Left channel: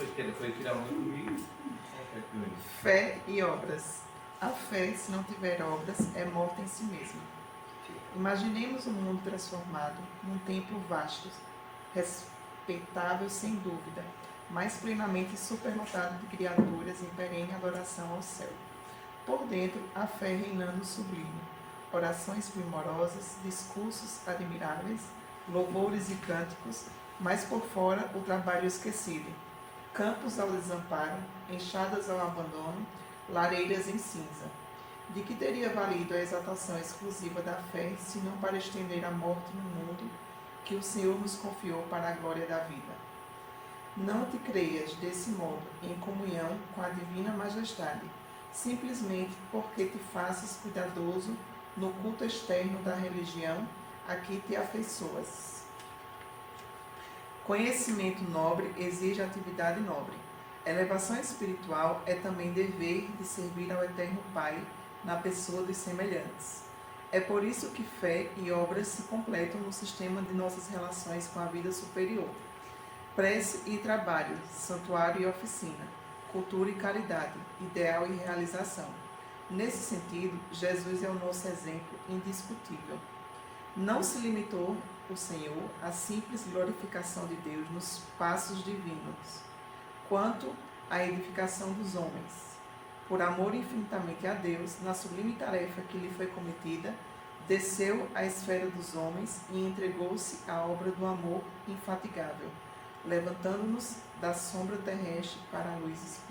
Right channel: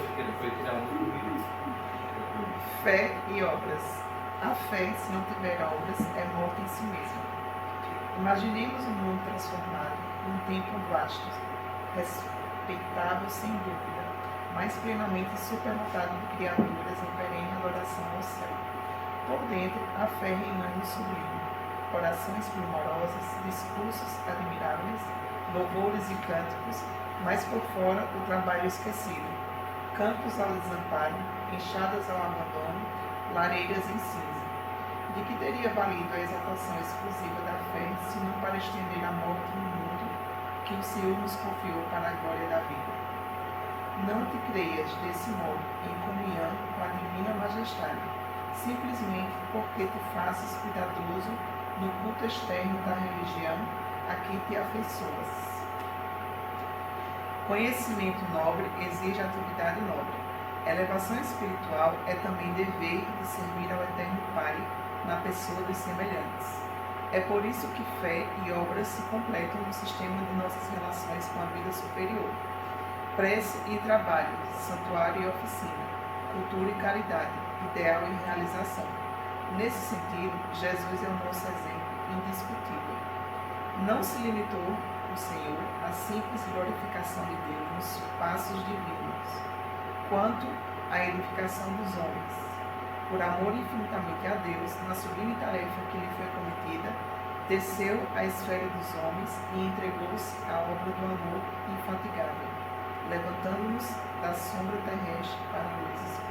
Foi tirar um outro vídeo. Fé e obras. A fé, se não tiver obras, é morta em si mesma. Imaginemos um mundo transformado num tempo vasto, respeitável sem dúvida, mas plenamente supernotado de criaturas em perene adoração ao céu. Por dentro, a fé reinando sublime, orações primorosas, discursos admiráveis, louvores e cânticos, mas por fora o trabalho esquecido, campos ao desamparo, enxadas ao abandono, lareiras em cinza. De que teria valido a exaltação exclusiva da fé, se não para estender a morte no mundo que o Senhor nos confiou para a glória da vida? Não te creias, desse modo, em comunhão com a divina majestade, simplesmente porque te faças cuidadoso no culto externo da religião a que te afeiçoas. Conhecimento nobre exige atividade nobre. Elevação espiritual é também dever de servir ao Eterno Pai na pessoa dos semelhantes. É por isso que fé e obras se completam no sistema de nossas relações com a vida superior. Prece e trabalho, santuário e oficina, cultura e caridade, ideal e realização. Nesse sentido, Jesus é o nosso exemplo indiscutível. Não se limitou o Senhor à simples glorificação de Deus nos passos divinos, quanto à edificação dos homens. Por amor infinitamente a Deus, na sublime tarefa que lhe foi cometida, desceu à esfera dos homens e entregou-se à obra do amor infatigável, levantando-nos da sombra terrestre para a luz espiritual.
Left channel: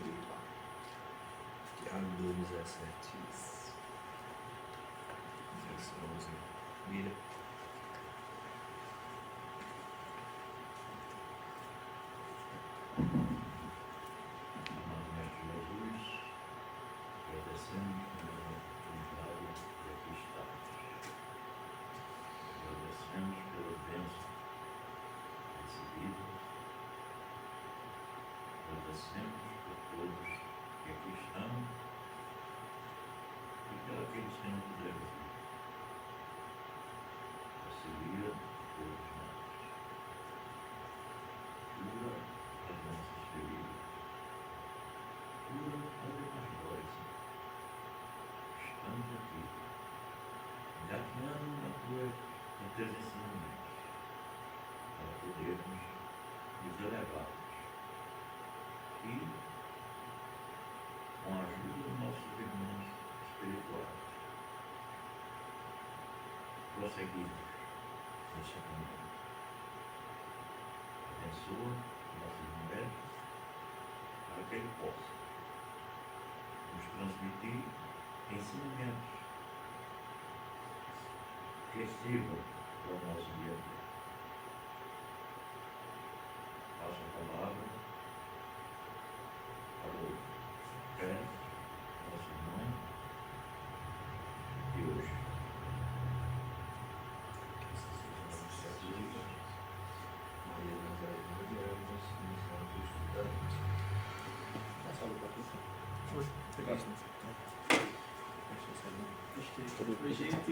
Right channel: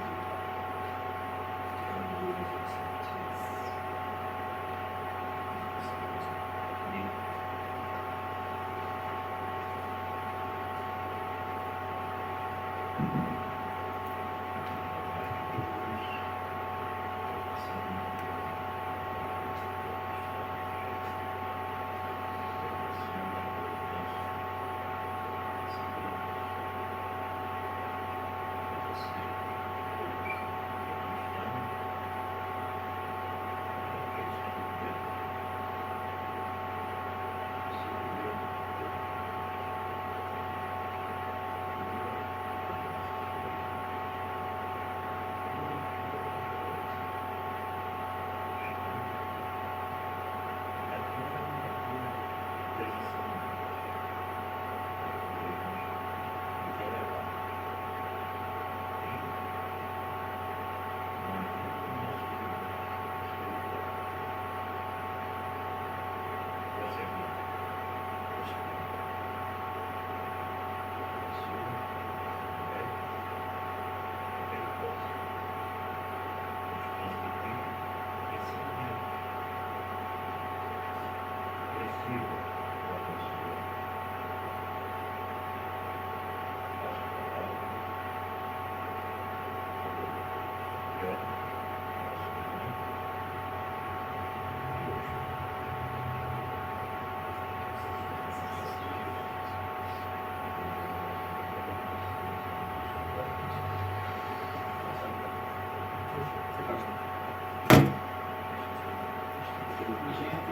Gente,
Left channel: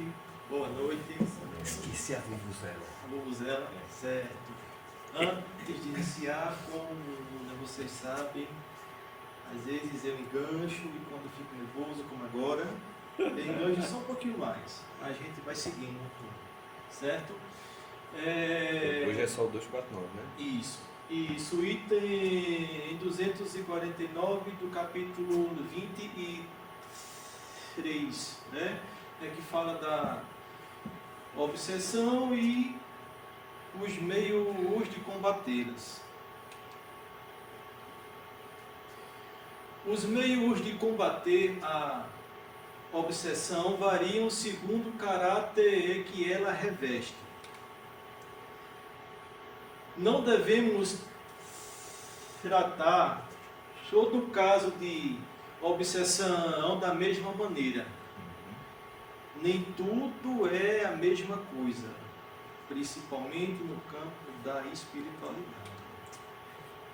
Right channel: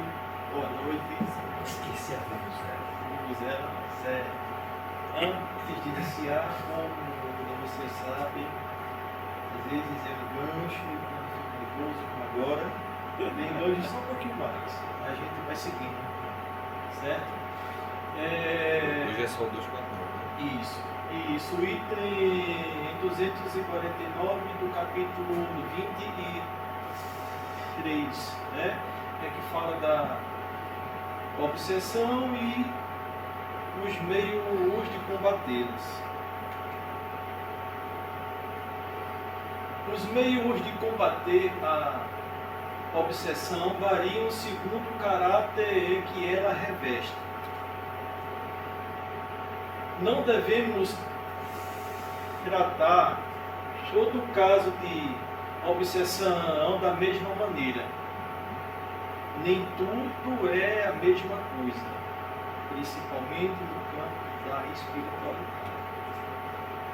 boa noite. Esqueci a vuvuzela. Vuvuzela, certo. Antes de iniciar, como vocês sabem, às vezes eu engancho e quando fico nervoso, como agora, eu engancho só um pouquinho mais. A gente vai seguindo, certo? Hoje é só o 249, né? Isso, item 249 do capítulo 23, né? É que fala da obsessão e os meios de combatê-los. Os meios de combater a obsessão variam segundo o caráter que ela reveste. Não devemos tratar todo caso de obsessão da mesma maneira. Nem tudo é a mesma coisa, principalmente no campo da espiritualidade.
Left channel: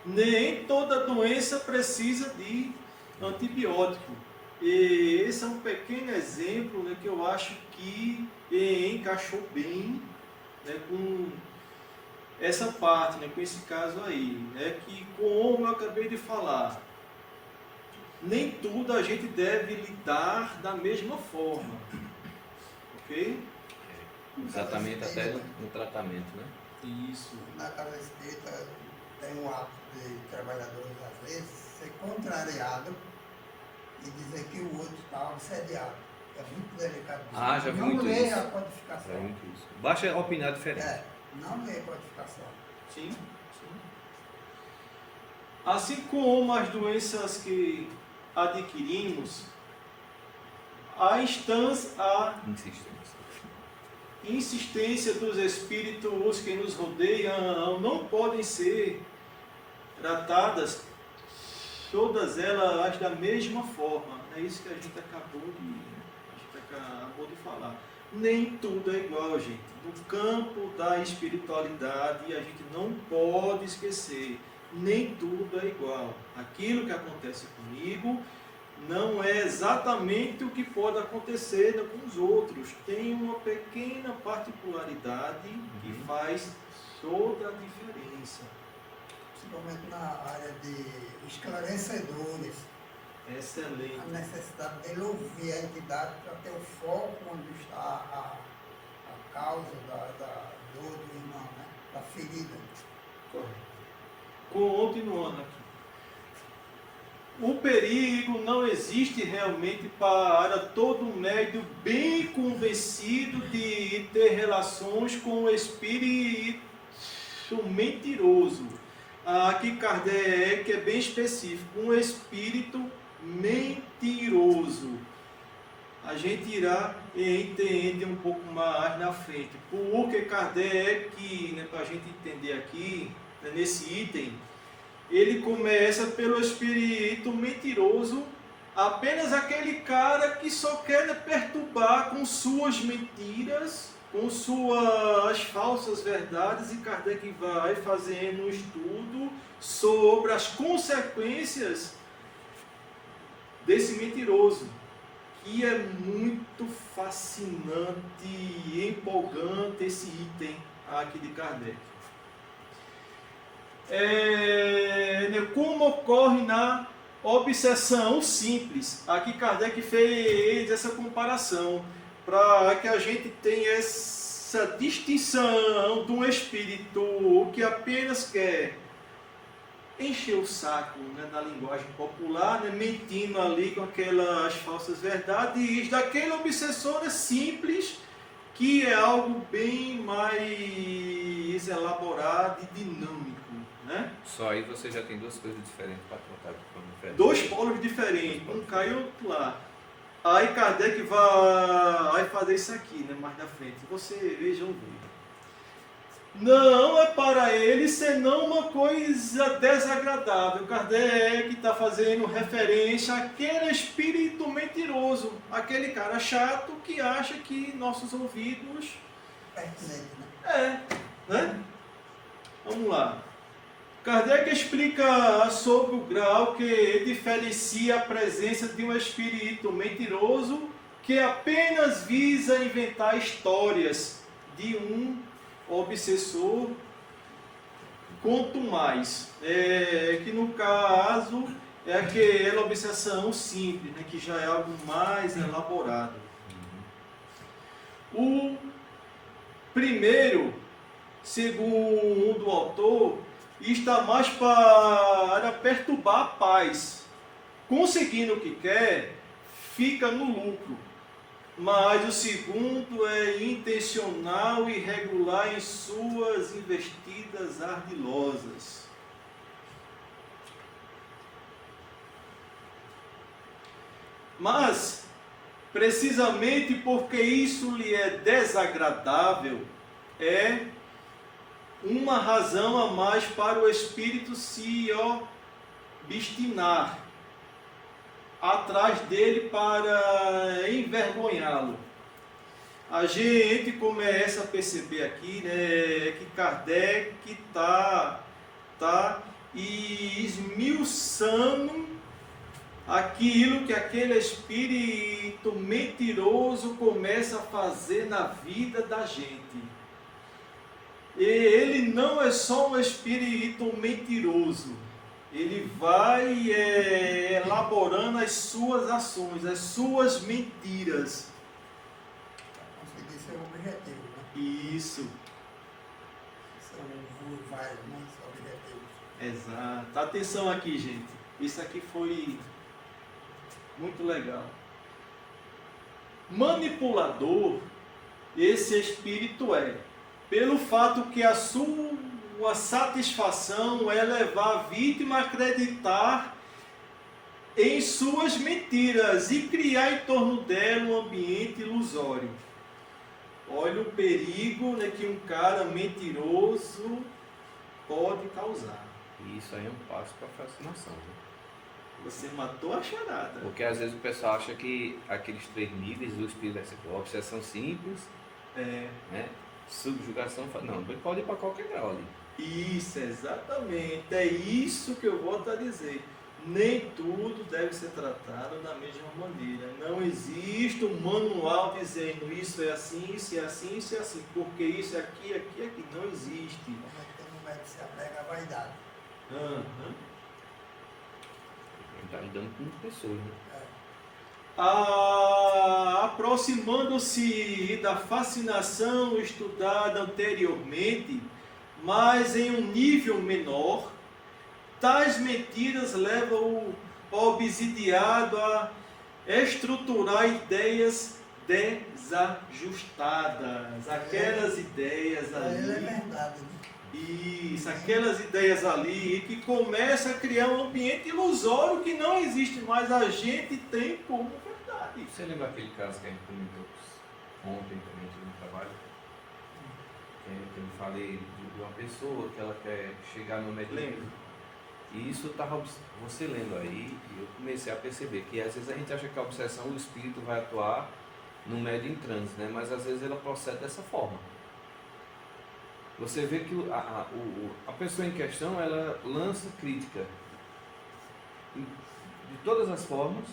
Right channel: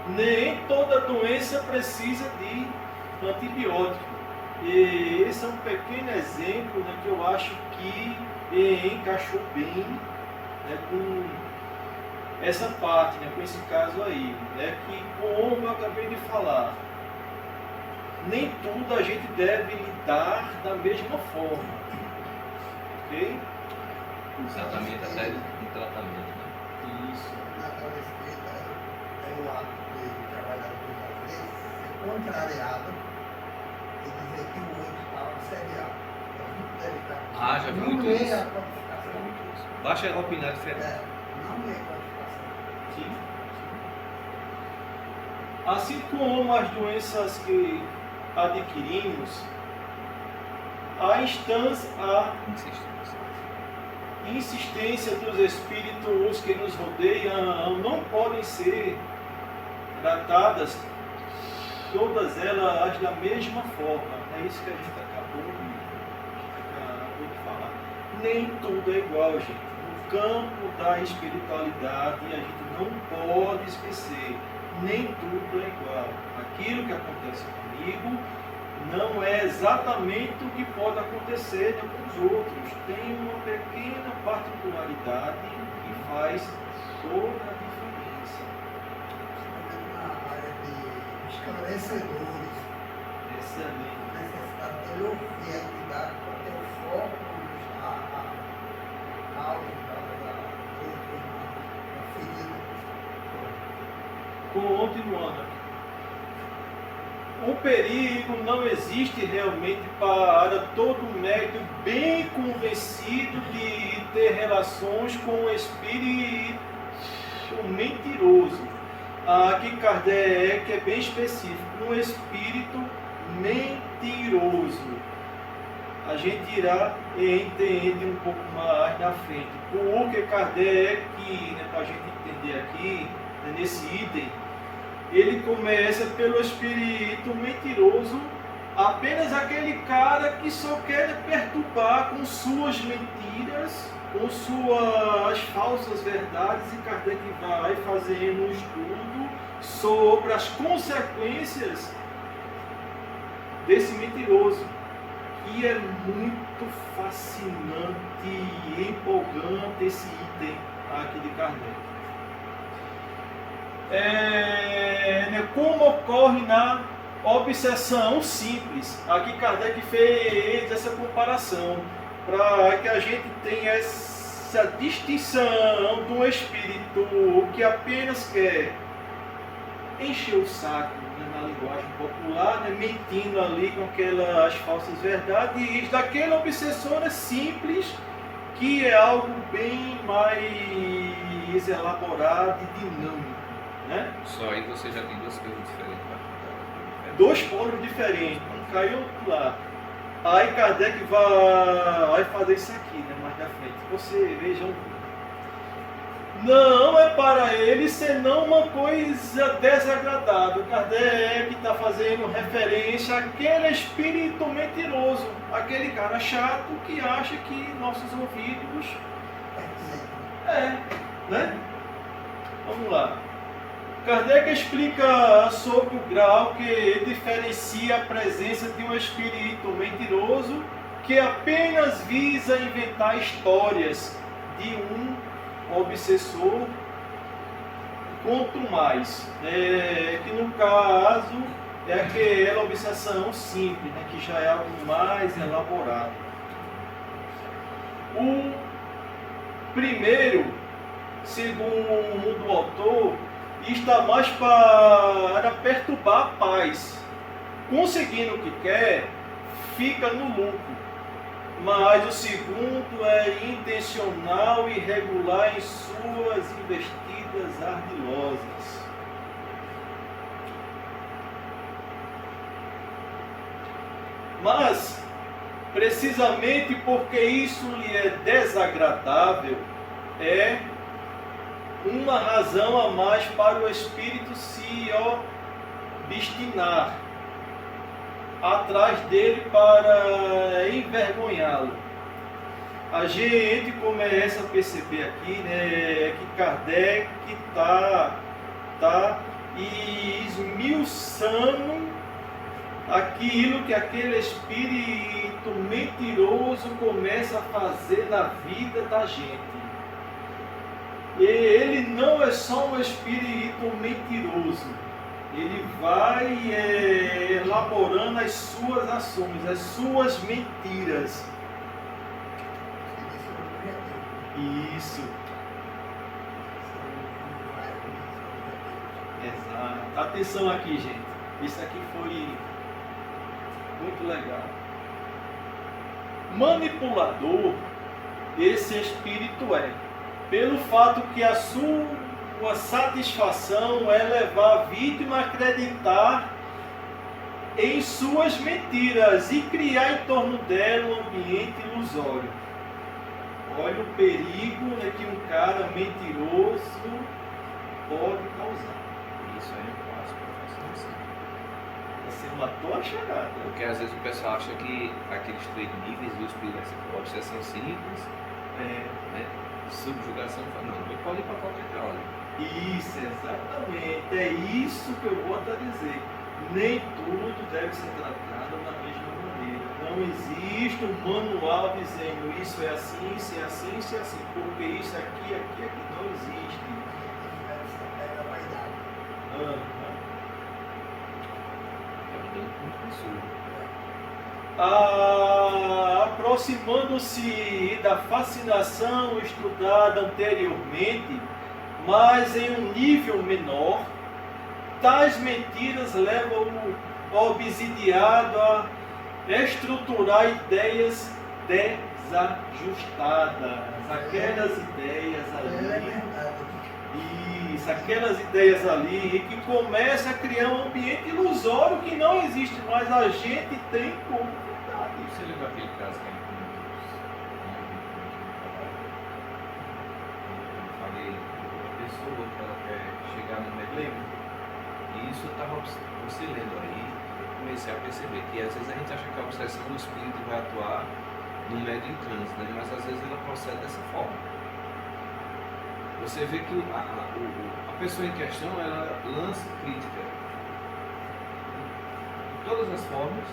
Nem toda doença precisa de antibiótico. E esse é um pequeno exemplo, né, que eu acho que encaixou bem, né, com essa parte, né, com esse caso aí, né, que como eu acabei de falar, nem tudo a gente deve lidar da mesma forma, ok? Exatamente, até no tratamento, né? Isso. Na casa espírita tem o hábito de trabalhadores às vezes ser contrariado e dizer que o outro está obsediado. É muito delicado. Ah, já vi não muito lê isso. a codificação. Basta opinar diferente. É, não lê a codificação. Sim. Assim como as doenças que adquirimos, a insistência dos espíritos que nos rodeiam não podem ser tratadas todas elas da mesma forma. É isso que a gente acabou de falar. Nem tudo é igual, gente. No campo da espiritualidade, a gente não pode esquecer, nem tudo é igual. Aquilo que acontece comigo não é exatamente o que pode acontecer com os outros. Tem uma pequena particularidade que faz toda a diferença. Principalmente na área de esclarecedores, Excelente. a necessidade de ele ouvir a entidade para ter o foco onde está a causa da dor, da ferida. Continuando aqui. O perigo não existe realmente para todo médium bem convencido de ter relações com o espírito mentiroso. Aqui Kardec é bem específico, um espírito mentiroso. A gente irá entender um pouco mais na frente. Porque Kardec, né, para a gente entender aqui, né, nesse item, ele começa pelo espírito mentiroso, apenas aquele cara que só quer perturbar com suas mentiras, com suas falsas verdades, e Kardec vai fazendo um estudo sobre as consequências desse mentiroso, que é muito fascinante e empolgante esse item aqui de Kardec. Como ocorre na obsessão simples. Aqui Kardec fez essa comparação para que a gente tenha essa distinção de um espírito que apenas quer encher o saco, né, na linguagem popular, né, mentindo ali com aquelas falsas verdades, daquele obsessor simples, que é algo bem mais elaborado e dinâmico. Né? Só aí você já tem duas coisas diferentes para contar. Dois polos diferentes, um cá e outro lá. Aí Kardec vai fazer isso aqui, né, mais na frente. Você veja um vídeo. Não é para ele senão uma coisa desagradável. Kardec está fazendo referência àquele espírito mentiroso, aquele cara chato que acha que nossos ouvidos né? Vamos lá. Kardec explica sobre o grau que diferencia a presença de um espírito mentiroso que apenas visa inventar histórias de um obsessor, quanto mais, que no caso é aquela obsessão simples, né, que já é algo mais elaborado. O primeiro, segundo o autor, está mais para perturbar a paz. Conseguindo o que quer, fica no lucro. Mas o segundo é intencional e regular em suas investidas ardilosas. Mas, precisamente porque isso lhe é desagradável, é uma razão a mais para o espírito se obstinar atrás dele para envergonhá-lo. A gente começa a perceber aqui, né, que Kardec está esmiuçando aquilo que aquele espírito mentiroso começa a fazer na vida da gente. E ele não é só um espírito mentiroso. Ele vai elaborando as suas ações, as suas mentiras. Esse é o objetivo. Isso, São vários objetivos. exato. Atenção aqui, gente. Isso aqui foi muito legal. Manipulador, esse espírito é, pelo fato que a sua satisfação é levar a vítima a acreditar em suas mentiras e criar em torno dela um ambiente ilusório. Olha o perigo, né, que um cara mentiroso pode causar. Isso aí é um passo para a fascinação. Você matou a charada. Porque às vezes o pessoal acha que aqueles 3 níveis do espírito vai ser obsessão simples, né? Subjugação, não, ele pode ir para qualquer grau ali. Isso, exatamente. É isso que eu volto a dizer. Nem tudo deve ser tratado da mesma maneira. Não existe um manual dizendo isso é assim, isso é assim, isso é assim. Porque isso aqui, aqui, aqui. Não existe. Essa pega vai dar. Aham. Está lidando com muitas pessoas. Né? Aproximando-se da fascinação estudada anteriormente, mas em um nível menor, tais mentiras levam o obsidiado a estruturar ideias desajustadas. Aquelas ideias Ela é ali. verdade. Isso, aquelas ideias ali que começa a criar um ambiente ilusório que não existe, mas a gente tem como verdade. Você lembra aquele caso que a gente comentou ontem no trabalho? Quando eu falei de uma pessoa que ela quer chegar no médico. Lembro. E isso estava você lendo aí, eu comecei a perceber que às vezes a gente acha que a obsessão do espírito vai atuar no médio em trânsito, né? Mas às vezes ela procede dessa forma. Você vê que a pessoa em questão, ela lança crítica de todas as formas,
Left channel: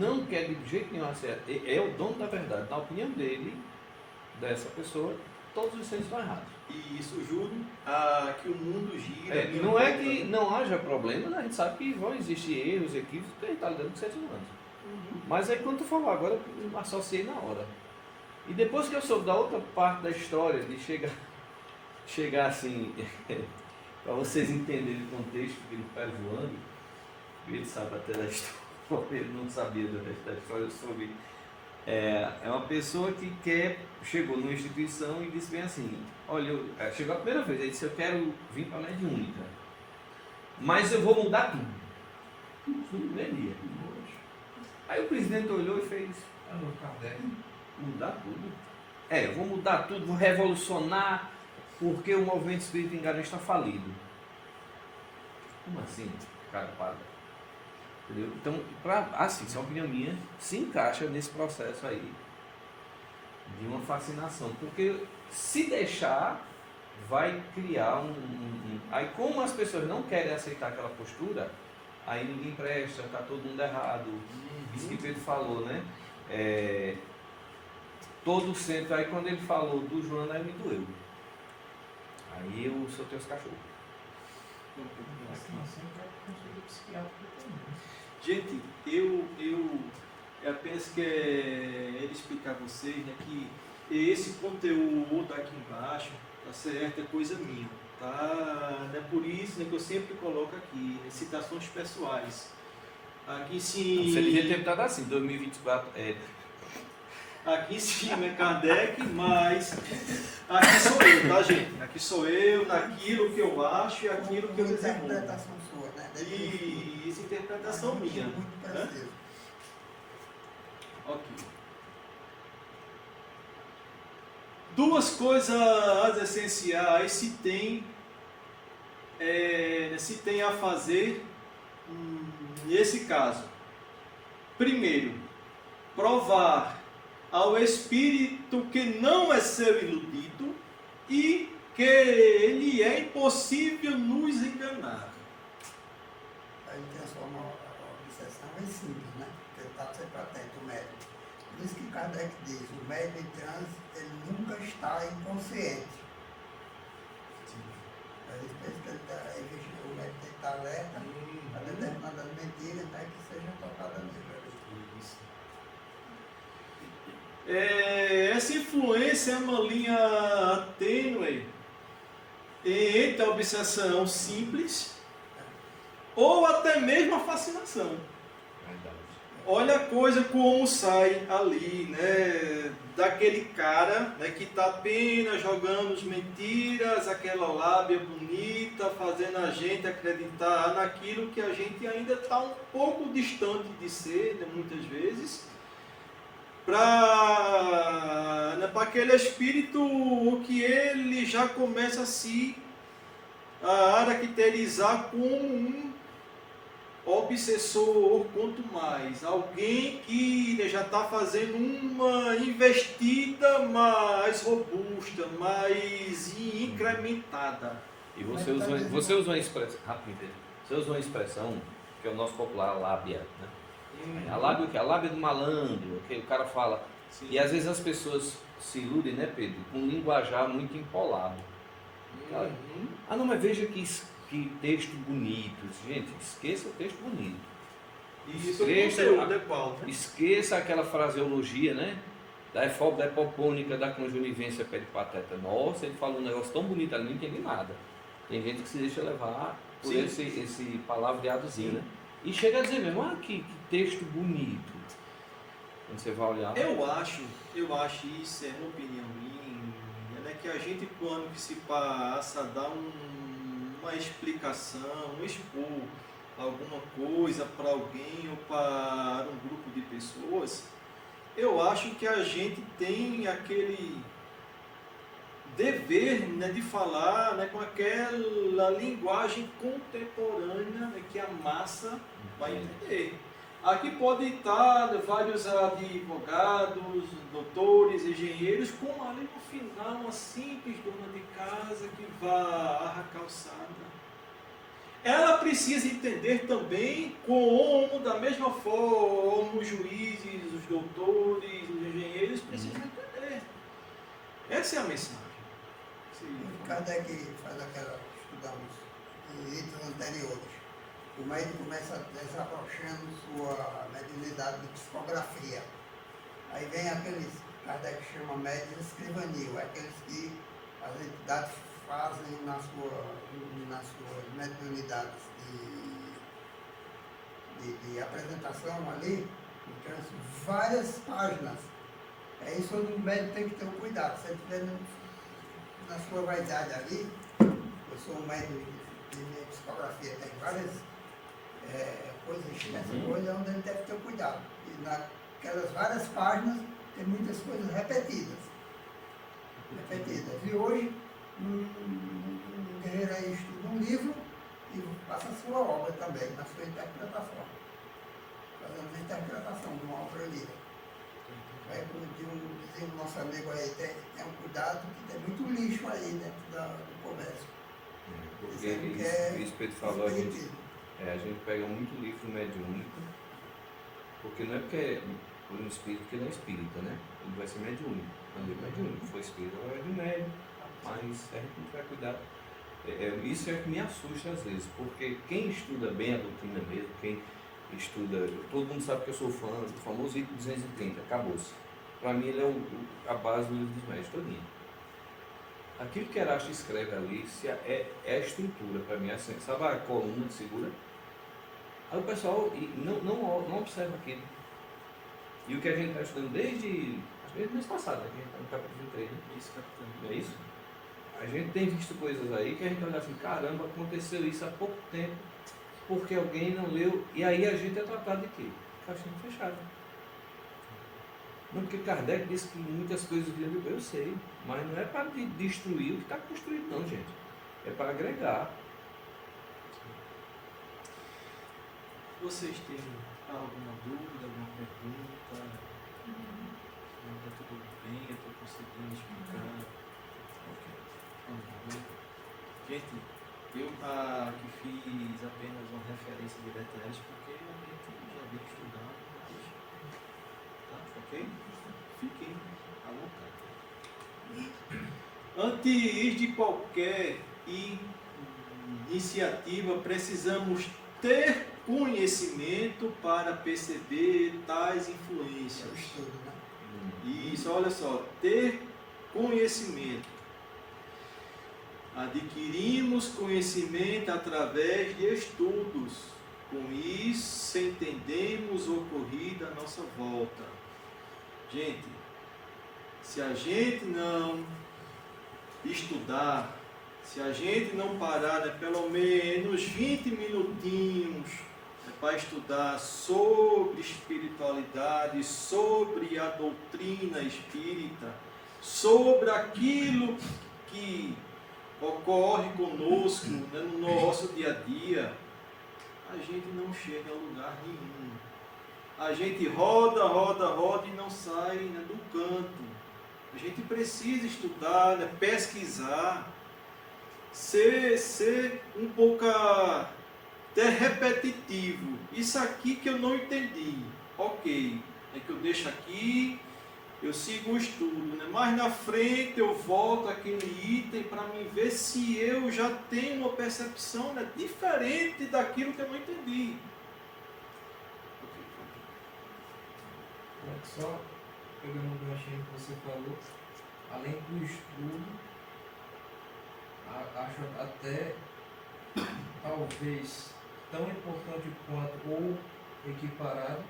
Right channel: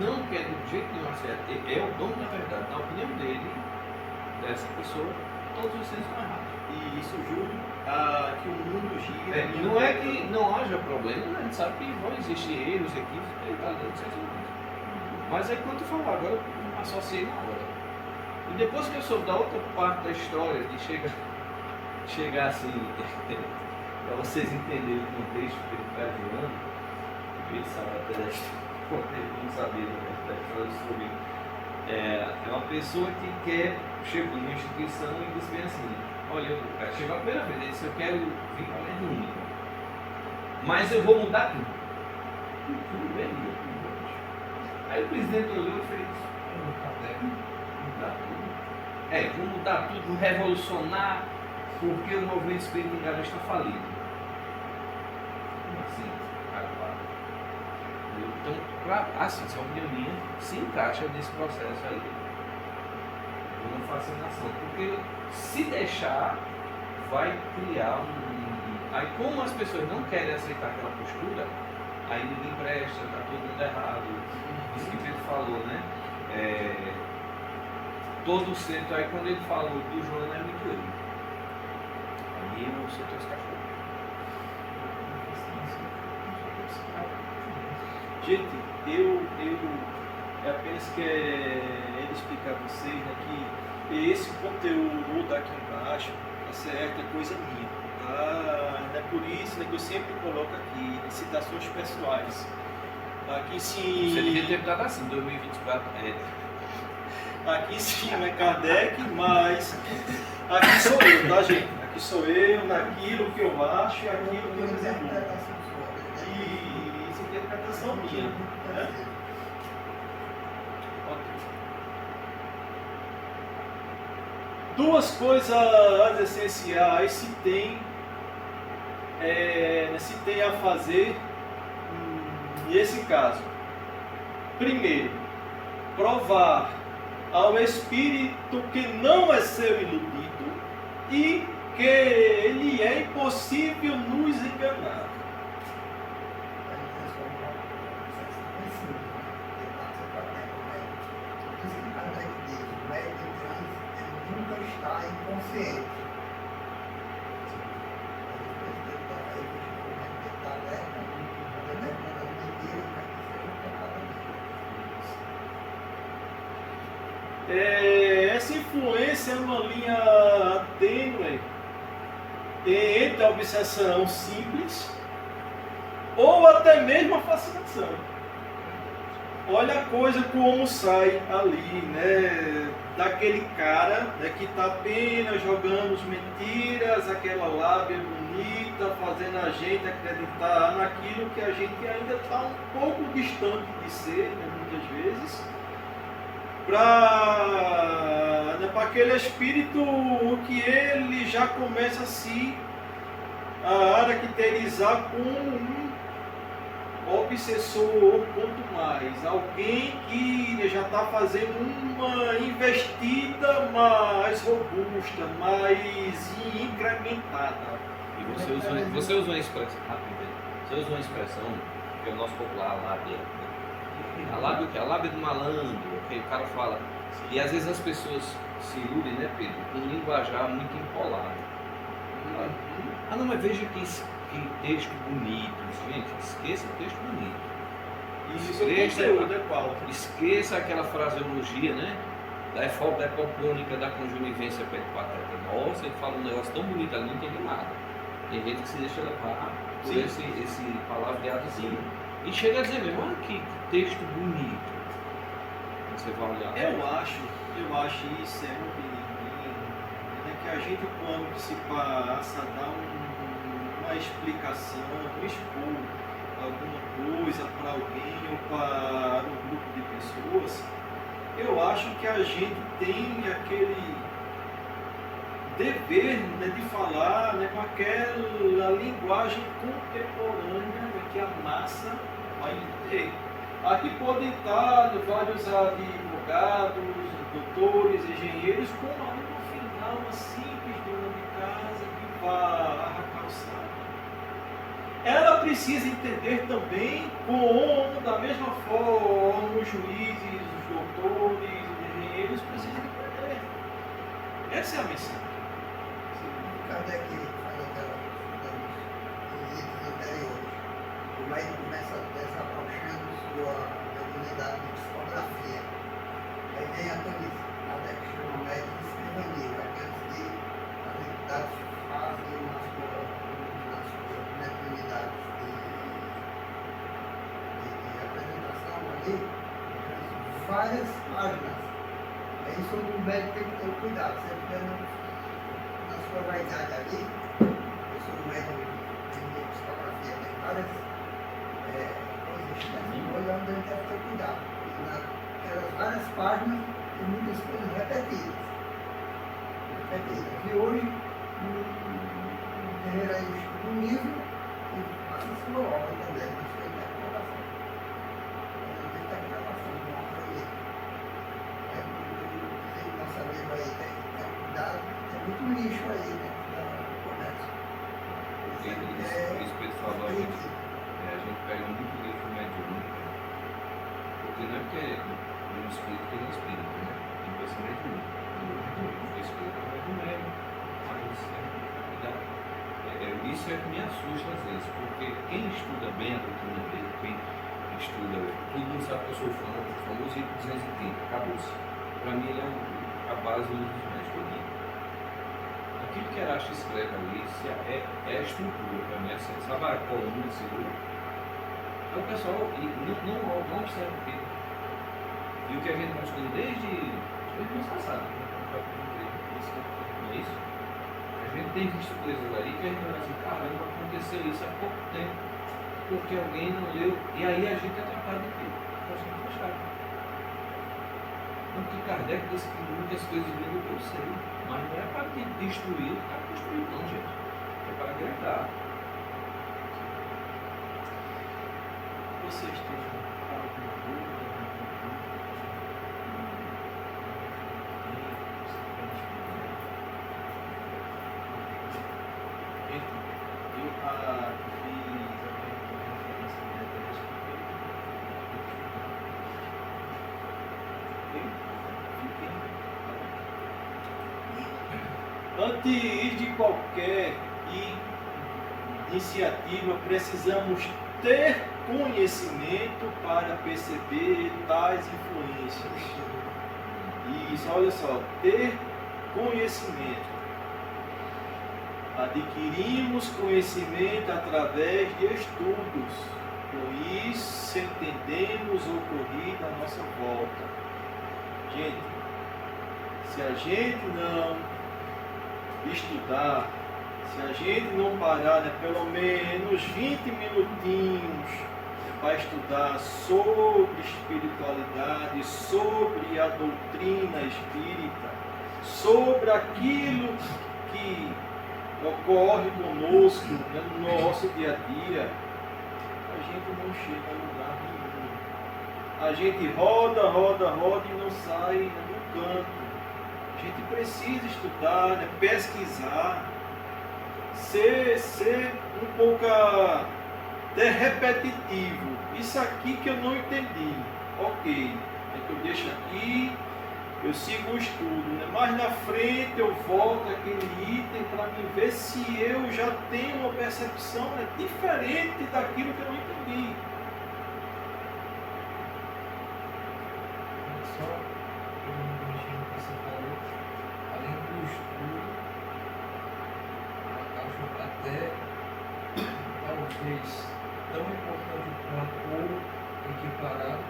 não quer de jeito nenhum acertar, é o dono da verdade. Na opinião dele, dessa pessoa, todos os seres estão errados. E isso, Júlio, que o mundo gira. Não é que não haja problemas, a gente sabe que vão existir erros, equívocos, porque ele está lidando com seres humanos. Mas aí quando tu falou agora, eu associei na hora. E depois que eu soube da outra parte da história, de chegar assim, para vocês entenderem o contexto que ele está zoando, ele sabe até da história, ele não sabia da história sobre. É uma pessoa que chegou numa instituição e disse bem assim, olha, chegou a primeira vez, ele disse, eu quero vir para a mediúnica, mas eu vou mudar tudo. Tudo bem, aí o presidente olhou e fez, mudar tudo. Vou mudar tudo, vou revolucionar, porque o movimento espírita em Garanhuns está falido. Como assim, cara, para? Entendeu? Então, assim, essa opinião minha se encaixa nesse processo aí de uma fascinação, porque se deixar, vai criar Aí, como as pessoas não querem aceitar aquela postura, aí ninguém presta, está todo mundo errado. Isso que Pedro falou, né? Todo o centro, aí quando ele falou do Joana, aí me doeu. Aí eu soltei os cachorros. Gente, eu apenas quero explicar a vocês, né, que esse conteúdo aqui embaixo, tá certo, é coisa minha, tá? É por isso, né, que eu sempre coloco aqui, né, citações pessoais. Aqui sim. Você devia ter dado assim, 2024. Aqui sim é Kardec, mas aqui sou eu, tá, gente? Aqui sou eu, naquilo que eu acho e aquilo que eu desenvolvo. E isso é interpretação minha, né? Ok. Duas coisas essenciais se tem a fazer nesse caso. Primeiro, provar ao espírito que não é seu iludido e que ele é impossível nos enganar. Ele transforma a obsessão mais simples, né? Porque passa para dentro do médico. Por isso que Kardec diz, o médico em transe, ele nunca está inconsciente. O médico tem que estar alerta para determinadas mentiras para que sejam tocadas nele. Essa influência é uma linha tênue entre a obsessão simples ou até mesmo a fascinação. Olha a coisa como sai ali, né? Daquele cara, né, que está apenas jogando as mentiras, aquela lábia bonita, fazendo a gente acreditar naquilo que a gente ainda está um pouco distante de ser, né, muitas vezes, para aquele espírito que ele já começa a se caracterizar como um obsessor, quanto mais alguém que já está fazendo uma investida mais robusta, mais incrementada. E você usou uma expressão, rápido, você usou uma expressão que é o nosso popular, a lábia. Né? A lábia o quê? A lábia do malandro, que o cara fala. E às vezes as pessoas se iludem, né, Pedro, com um linguajar muito empolado. Ah, não, mas veja que texto bonito. Gente, esqueça o texto bonito. Esqueça aquela fraseologia, né? Da epopônica, da conjunivência pateta. Nossa, ele fala um negócio tão bonito ali, não entende nada. Tem gente que se deixa levar por esse palavreadozinho. E chega a dizer mesmo, olha que texto bonito. Você vai olhar. Eu acho isso, é uma opinião minha, que a gente, quando se passa a dar uma explicação, expor alguma coisa para alguém ou para um grupo de pessoas, eu acho que a gente tem aquele dever, né, de falar, né, com aquela linguagem contemporânea, né, que a massa vai entender. Aqui pode estar vários advogados, doutores, engenheiros, como ali no final uma simples dona de casa que vai à calçada. Ela precisa entender também como, da mesma forma, os juízes, os doutores, os engenheiros precisam entender. Essa é a mensagem. Kardec faz aquela, digamos, em itens anteriores. O médico começa desabrochando sua mediunidade de psicografia. Aí vem a tonice. Kardec chama médico de escrivania, aqueles que as entidades fazem nas suas mediunidades de apresentação ali, várias páginas. É isso onde o médico tem que ter o cuidado. Se ele tiver na sua vaidade ali, eu sou um médico de psicografia, tem várias coisas extensas, onde ele deve ter cuidado. E naquelas várias páginas tem muitas coisas repetidas. E hoje, um guerreiro aí estuda um livro e passa a sua obra também, na sua interpretação. Fazendo a interpretação de um outro livro. O nosso amigo aí tem cuidado, tem muito lixo aí dentro do comércio. Porque isso que ele falou, a gente pega muito lixo mediúnico, porque não é porque é um espírito que ele é espírita, né? Ele vai ser mediúnico. Quando ele é mediúnico, o espírito não é do médium, mas é que vai cuidar. Isso é que me assusta às vezes, porque quem estuda bem a doutrina dele, quem estuda, todo mundo sabe que eu sou fã do famoso Ico 230, acabou-se. Para mim ele é a base do livro dos médios todinho. Aquilo que Erasto escreve ali é a estrutura, para mim, assim, sabe a coluna que segura? Aí o pessoal não observa aquilo. E o que a gente está estudando desde o mês passado, né? No capítulo 3, não é isso? A gente tem visto coisas aí que a gente olha assim, caramba, aconteceu isso há pouco tempo, porque alguém não leu, e aí a gente é tratado daquilo. Está sendo fechado. Não, porque Kardec disse que muitas coisas vêm do eu sei, mas não é para destruir o que está construído, não, gente. É para agregar. Vocês têm alguma dúvida, Gente, eu que fiz apenas uma referência de DTS porque eu já vi estudar. Ok? Fiquem à vontade. Antes de qualquer iniciativa, precisamos ter conhecimento para perceber tais influências. Isso, olha só, ter conhecimento. Adquirimos conhecimento através de estudos. Com isso, entendemos o ocorrido à nossa volta. Gente, se a gente não estudar, se a gente não parar, pelo menos 20 minutinhos para estudar sobre espiritualidade, sobre a doutrina espírita, sobre aquilo que ocorre conosco, né, no nosso dia a dia, a gente não chega a lugar nenhum. A gente roda e não sai, né, do canto. A gente precisa estudar, né, pesquisar, ser um pouco até repetitivo. Isso aqui que eu não entendi, ok, é que eu deixo aqui, eu sigo o estudo, né? Mais na frente eu volto aquele item para me ver se eu já tenho uma percepção, né, diferente daquilo que eu não entendi. Só pegando um ganchinho que você falou, além do estudo, eu acho até talvez tão importante quanto ou equiparado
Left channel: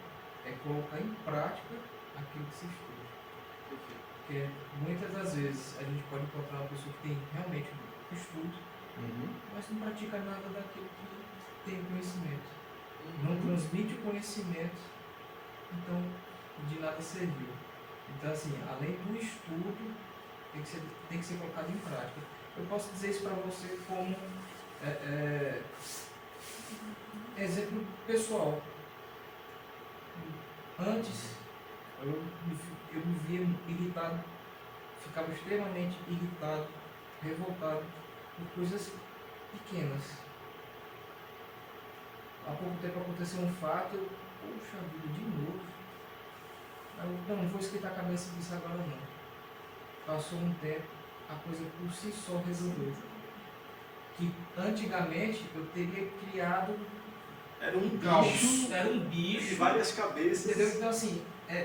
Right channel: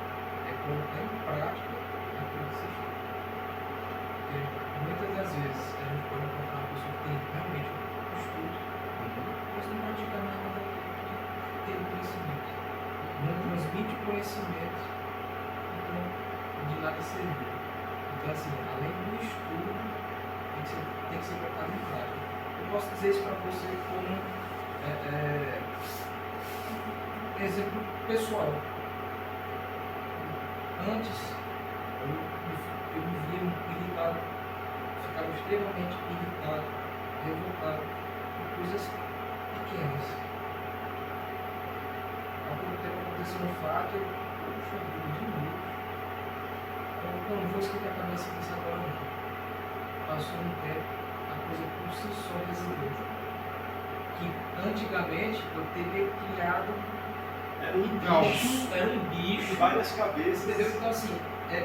é colocar em prática aquilo que se estuda. Porque muitas das vezes a gente pode encontrar uma pessoa que tem realmente um estudo, mas não pratica nada daquilo que tem conhecimento. Não transmite conhecimento, então de nada serviu. Então, assim, além do estudo, tem que ser colocado em prática. Eu posso dizer isso para você como exemplo pessoal. Antes, eu me via irritado, ficava extremamente irritado, revoltado por coisas pequenas. Há pouco tempo aconteceu um fato, eu, poxa vida, de novo. Eu não vou esquentar a cabeça disso agora não. Passou um tempo, a coisa por si só resolveu. Que antigamente eu teria criado Era um caos, bicho, era um bicho, várias cabeças. entendeu? Então assim,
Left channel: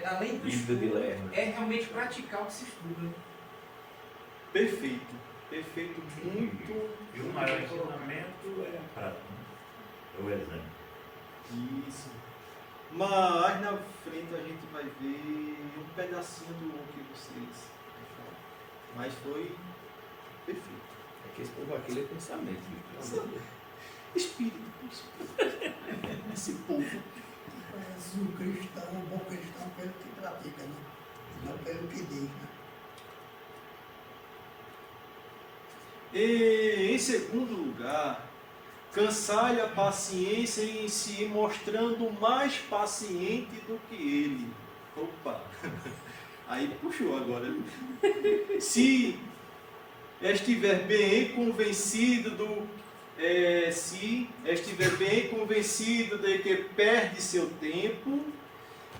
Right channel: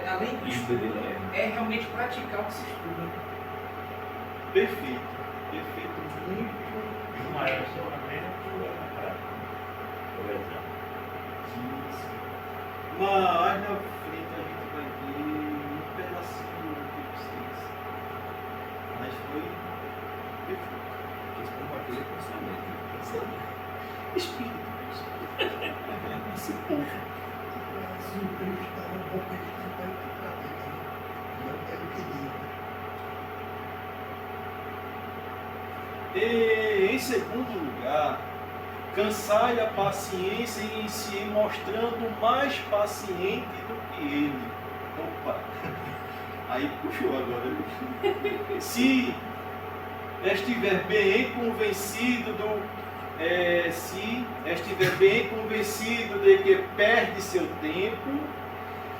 além do estudo, é realmente praticar o que se estuda. Perfeito, perfeito, muito. E o maior ensinamento é a prática, o exemplo. Isso. Mas na frente a gente vai ver um pedacinho do que vocês. Mas foi perfeito. Esse povo aqui é pensamento. Espírito. Esse povo. Se o cristão, o bom cristão, pelo que pratica, né? Não pelo que diz, né? E, em segundo lugar, cansai a paciência em si, mostrando mais paciente do que ele. Opa! Aí puxou agora. Se estiver bem convencido de que perde seu tempo,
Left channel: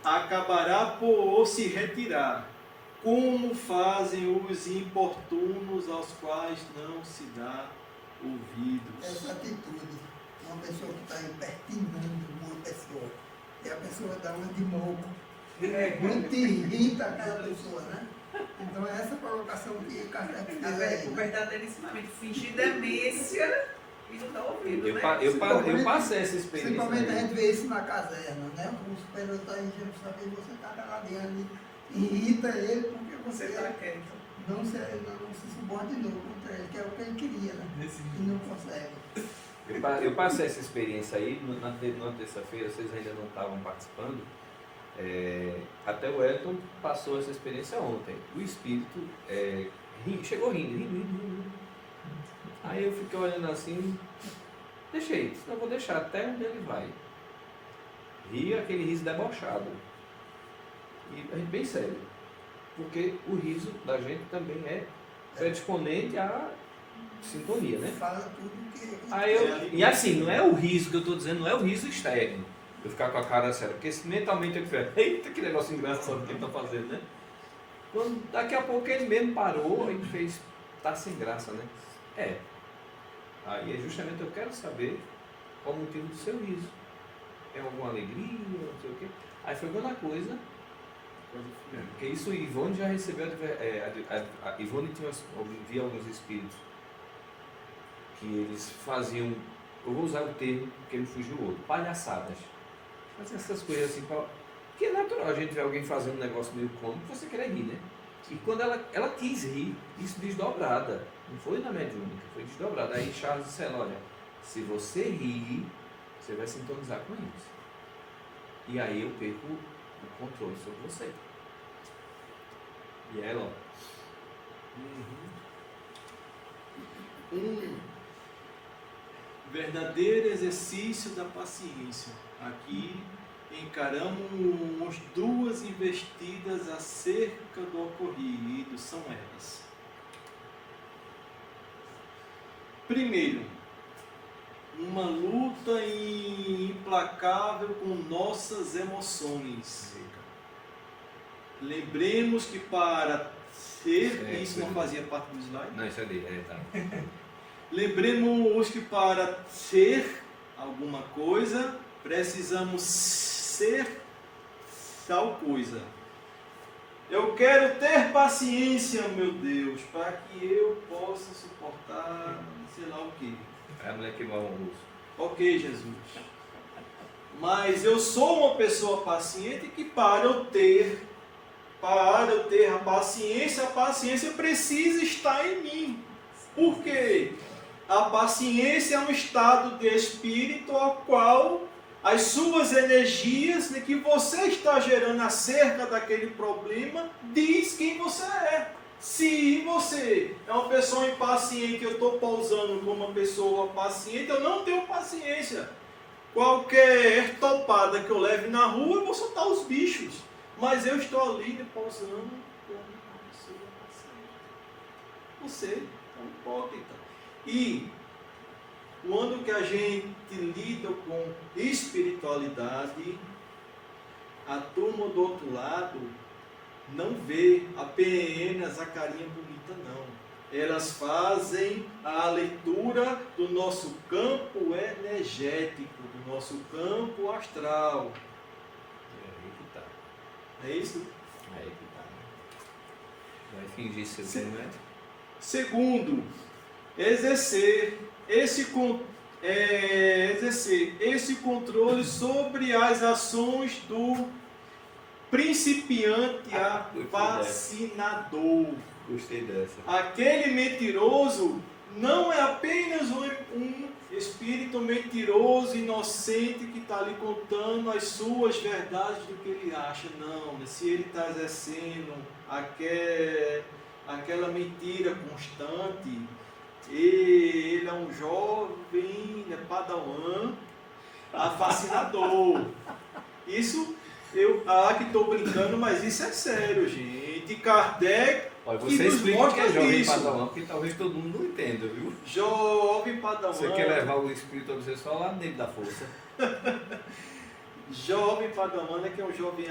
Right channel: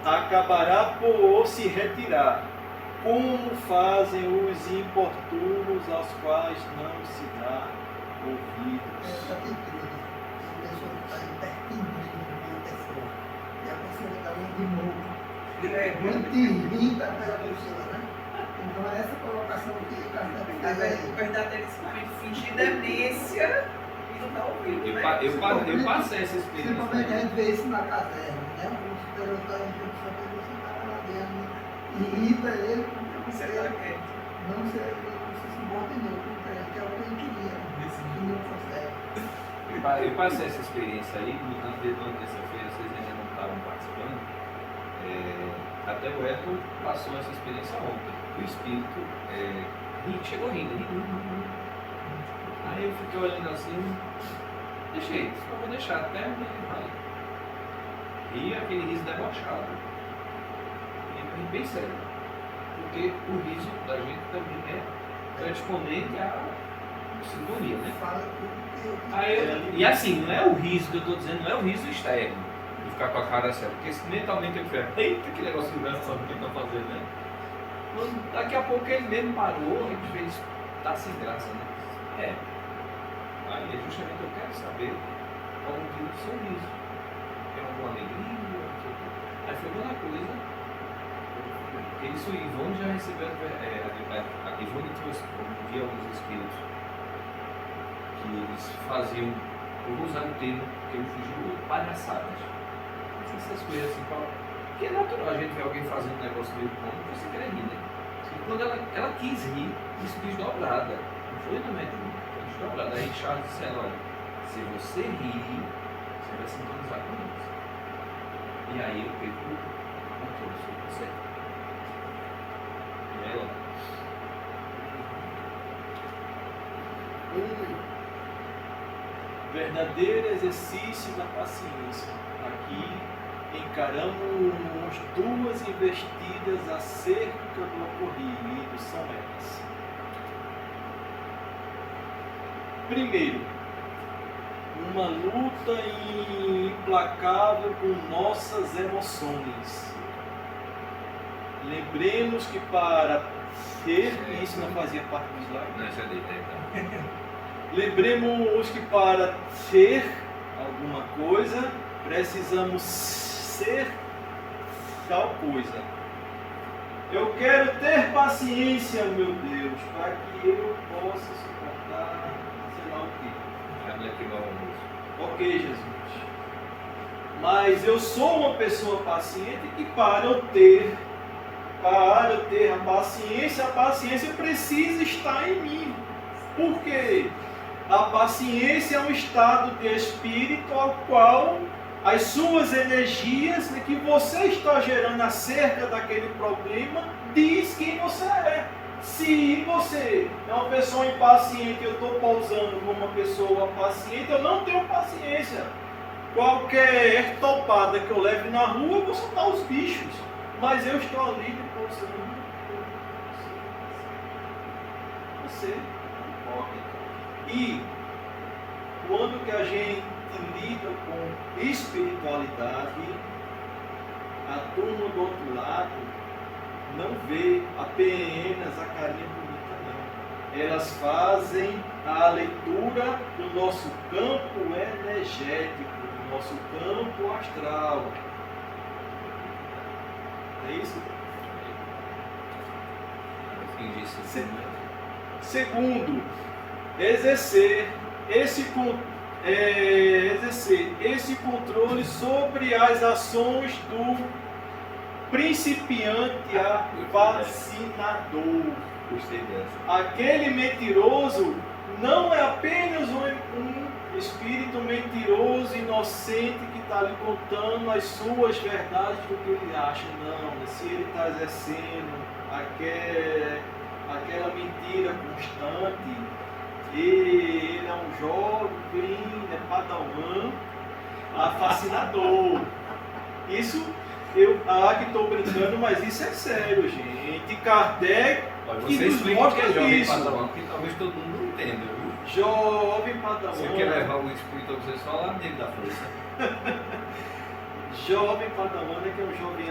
acabará por se retirar, como fazem os importunos aos quais não se dá ouvidos. Essa atitude, uma pessoa que está impertinente uma pessoa, e a pessoa dá muito de morro, muito irrita aquela pessoa, né? Então essa colocação que o Café fez O verdadeiro ensinamento, fingir demência e não está ouvindo, né? Eu passei essa experiência. Principalmente a Aí. gente vê isso na caserna, né? O superior está enchendo o saco e você está lá dentro, irrita ele porque Você está quieto. não se subordinou contra ele, que é o que ele queria, né? E não consegue. Eu passei essa experiência aí, na terça-feira, vocês ainda não estavam participando. Até o Elton passou essa experiência ontem. O espírito chegou rindo. Aí eu fiquei olhando assim, deixei, só vou deixar até onde ele vai. Ri aquele riso debochado. E bem sério. Porque o riso da gente também é predisponente à sintonia, né? Fala tudo que eu Aí e assim, não é o riso que eu estou dizendo, não é o riso externo. Eu ficar com a cara séria. Porque mentalmente eu fico, eita, que negócio engraçado que ele está fazendo, né? Quando, daqui a pouco ele mesmo parou, ele fez, tá sem graça, né? É. Aí é justamente eu quero saber qual o motivo do seu riso. É alguma alegria, não sei o quê. Aí foi outra coisa. Porque isso Ivone já recebeu, a Ivone via alguns espíritos que eles faziam, eu vou usar o termo que ele fugiu hoje, palhaçadas. Essas coisas assim, porque é natural a gente ver alguém fazendo um negócio meio cômico, você quer rir, né? E quando ela quis rir, isso desdobrada, não foi na mediúnica, foi desdobrada. Aí Charles disse a ela, olha, se você rir, você vai sintonizar com isso. E aí eu perco o controle sobre você. E ela? Verdadeiro exercício da paciência. Aqui encaramos duas investidas acerca do ocorrido, são elas. Primeiro, uma luta implacável com nossas emoções. Lembremos que para ser, isso não fazia parte do slide? Não, isso é dele, tá. Lembremos que para ser alguma coisa, precisamos ser tal coisa. Eu quero ter paciência, meu Deus, para que eu possa suportar, sei lá o quê. É Black igual ao almoço. Ok, Jesus. Mas eu sou uma pessoa paciente que para eu ter a paciência precisa estar em mim. Por quê? A paciência é um estado de espírito ao qual as suas energias que você está gerando acerca daquele problema diz quem você é. Se você é uma pessoa impaciente e eu estou pousando como uma pessoa paciente, eu não tenho paciência. Qualquer topada que eu leve na rua, eu vou soltar os bichos. Mas eu estou ali depositando você é um hipócrita. E quando que a gente lida com espiritualidade, a turma do outro lado não vê apenas a carinha bonita, não. Elas fazem a leitura do nosso campo energético, do nosso campo astral. É isso? Segundo, exercer esse controle sobre as ações do principiante vacinador. Gostei dessa. Aquele mentiroso não é apenas um espírito mentiroso, inocente, que está lhe contando as suas verdades do que ele acha. Não, se ele está exercendo aquela mentira constante, ele é um jovem, é padawan, fascinador. Isso, eu que estou brincando, mas isso é sério, gente. Kardec você explica o que é jovem isso. padawan, porque talvez todo mundo não entenda, viu? Jovem padawan. Você quer levar o espírito a você só lá dentro da força. Jovem padawan é que é um jovem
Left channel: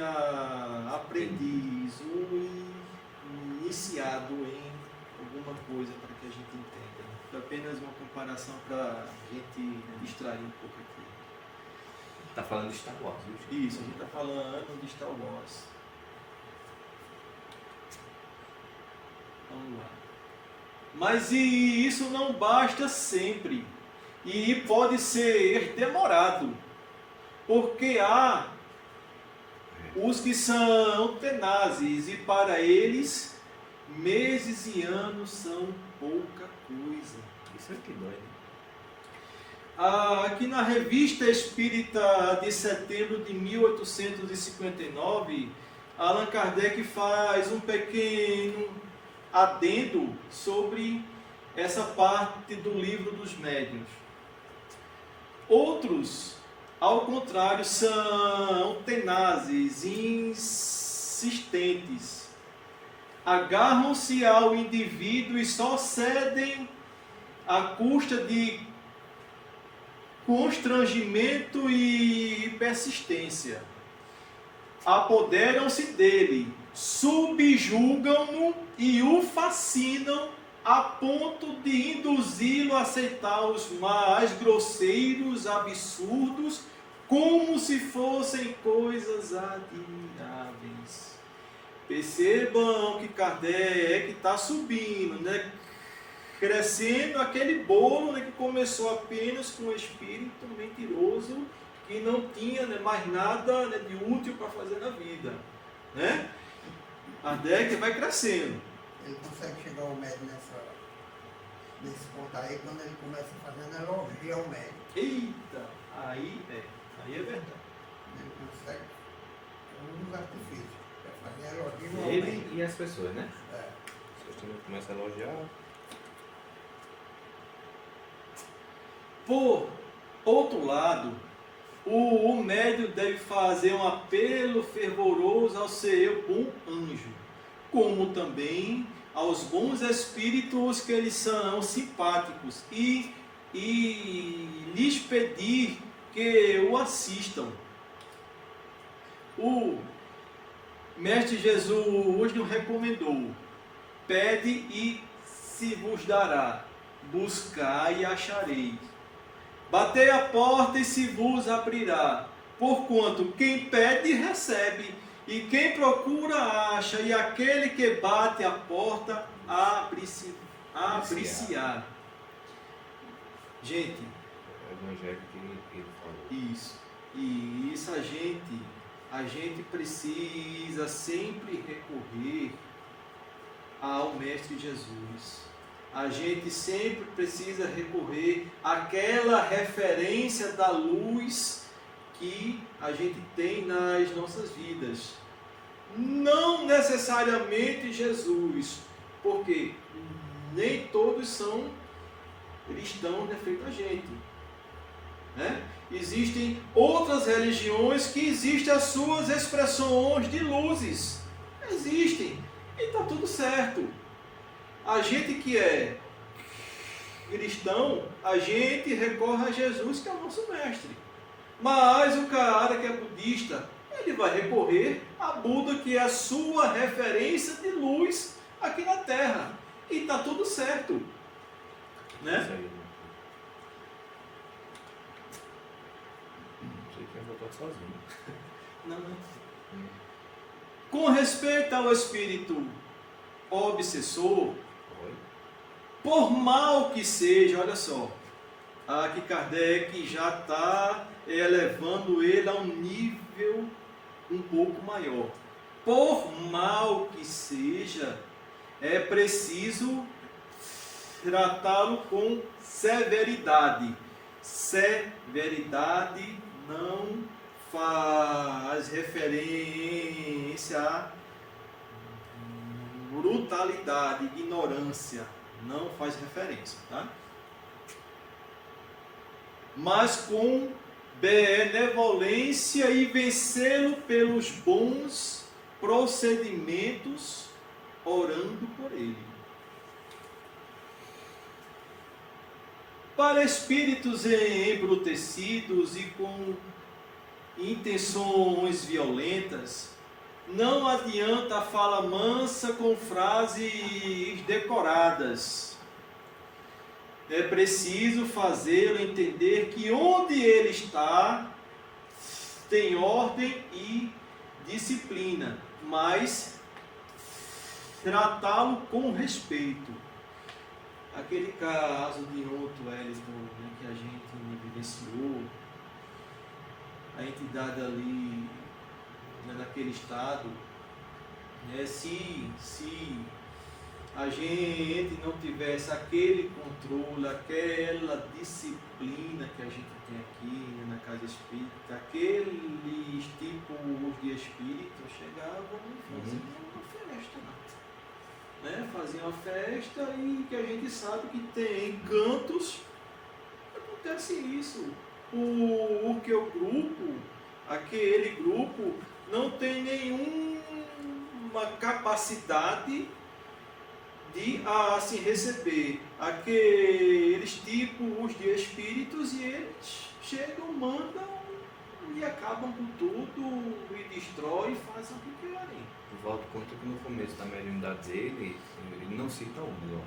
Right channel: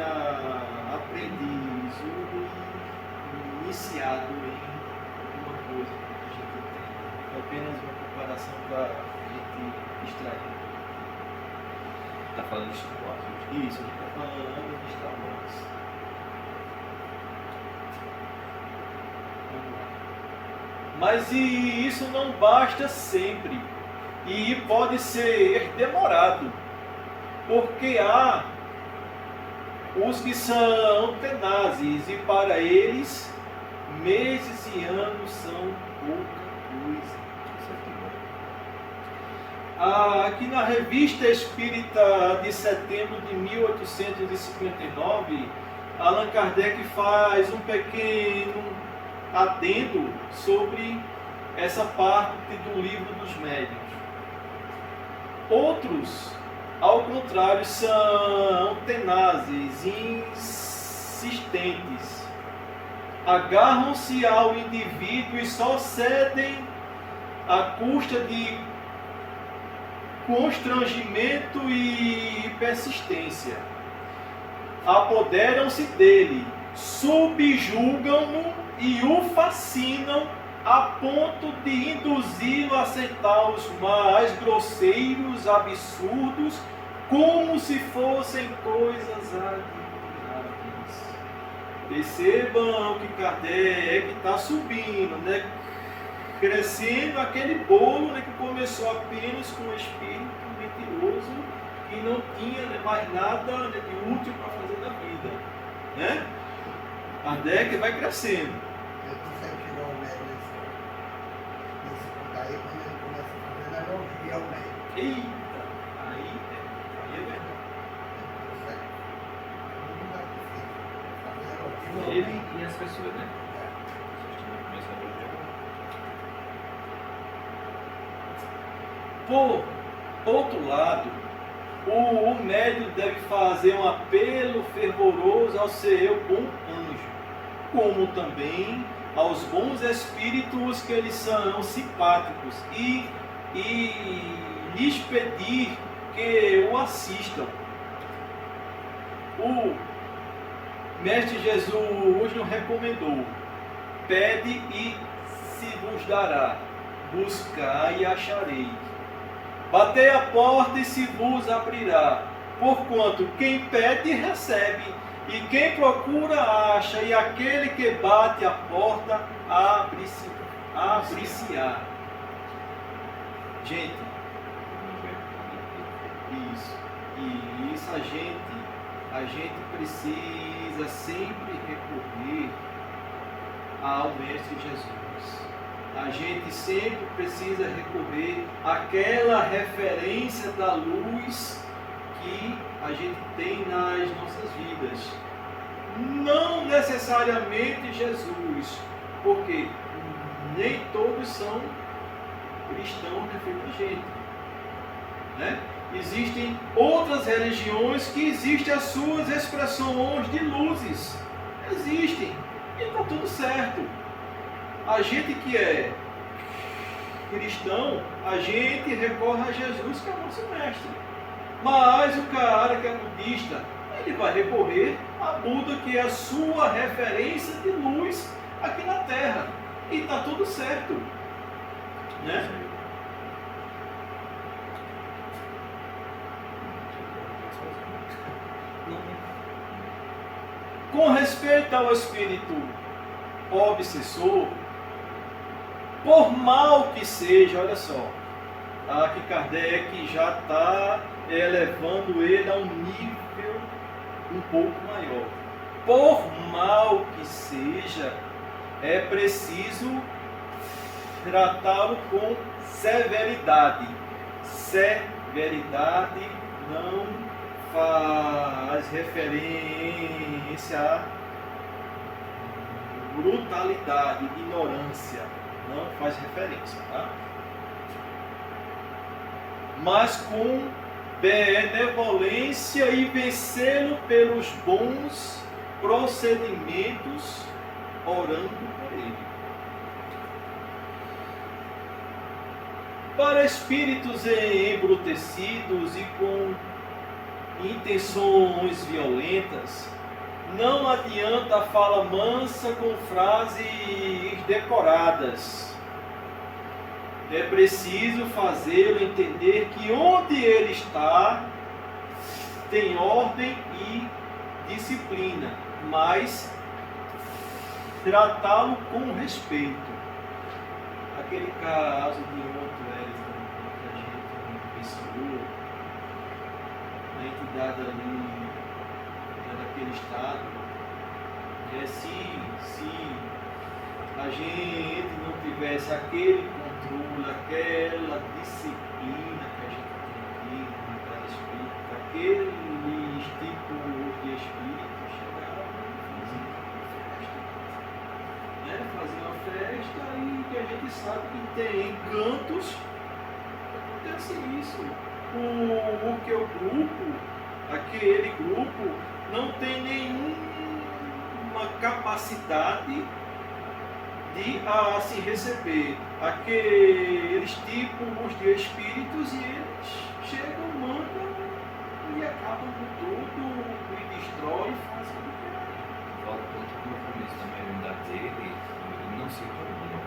aprendiz, iniciado em alguma coisa que a gente entende. É apenas uma comparação para a gente extrair um pouco. Está falando de Star Wars, viu? Isso, a gente está falando de Star Wars. Vamos lá. Mas isso não basta sempre. E pode ser demorado. Porque há os que são tenazes e para eles meses e anos são pouca coisa. Isso aqui, bom. Aqui na Revista Espírita de setembro de 1859, Allan Kardec faz um pequeno adendo sobre essa parte do livro dos médiuns. Outros, ao contrário, são tenazes, insistentes. Agarram-se ao indivíduo e só cedem à custa de constrangimento e persistência. Apoderam-se dele, subjugam-no e o fascinam a ponto de induzi-lo a aceitar os mais grosseiros absurdos como se fossem coisas admiráveis. Percebam que Kardec está subindo, né? Crescendo aquele bolo, né, que começou apenas com o espírito mentiroso, que não tinha, né, mais nada, né, de útil para fazer na vida. Né? Kardec vai crescendo. Ele consegue chegar ao médico nesse ponto aí, quando ele começa a fazer elogio ao médico. Eita, aí é verdade. Ele consegue. Um artifício. Fazer elogio ao Ele médico. e as pessoas, né? É. Vocês também começam a elogiar. Por outro lado, o médium deve fazer um apelo fervoroso ao seu bom anjo, como também aos bons espíritos que eles são simpáticos e lhes pedir que o assistam. O Mestre Jesus nos recomendou: pede e se vos dará, buscai e achareis. Batei a porta e se vos abrirá, porquanto quem pede recebe, e quem procura acha, e aquele que bate a porta abre-se-á. Gente, isso. E isso a gente precisa sempre recorrer ao Mestre Jesus. A gente sempre precisa recorrer àquela referência da luz que a gente tem nas nossas vidas. Não necessariamente Jesus, porque nem todos são cristãos, né, feito a gente. Né? Existem outras religiões que existem as suas expressões de luzes. Existem. E está tudo certo. A gente que é cristão, a gente recorre a Jesus, que é o nosso mestre. Mas o cara que é budista, ele vai recorrer a Buda, que é a sua referência de luz aqui na Terra. E está tudo certo. Né? Com respeito ao espírito obsessor, por mal que seja, olha só, aqui Kardec já está elevando ele a um nível um pouco maior. Por mal que seja, é preciso tratá-lo com severidade. Severidade não faz referência a brutalidade, ignorância, não faz referência, tá? Mas com benevolência e vencê-lo pelos bons procedimentos, orando por ele. Para espíritos embrutecidos e com intenções violentas, não adianta a fala mansa com frases decoradas. É preciso fazê-lo entender que onde ele está tem ordem e disciplina, mas tratá-lo com respeito. Aquele caso de outro que a gente vivenciou, a entidade ali daquele estado, né? Se a gente não tivesse aquele controle, aquela disciplina que a gente tem aqui na casa espírita, aqueles tipos de espíritos chegavam e faziam uma festa. Né? Faziam uma festa e que a gente sabe que tem cantos que acontece isso. Porque o grupo, aquele grupo, não tem nenhuma capacidade de se receber aqueles tipos de espíritos, e eles chegam, mandam e acabam com tudo, e destroem, fazem o que querem. Volta quanto no começo da mediunidade dele, ele não se tornou, né?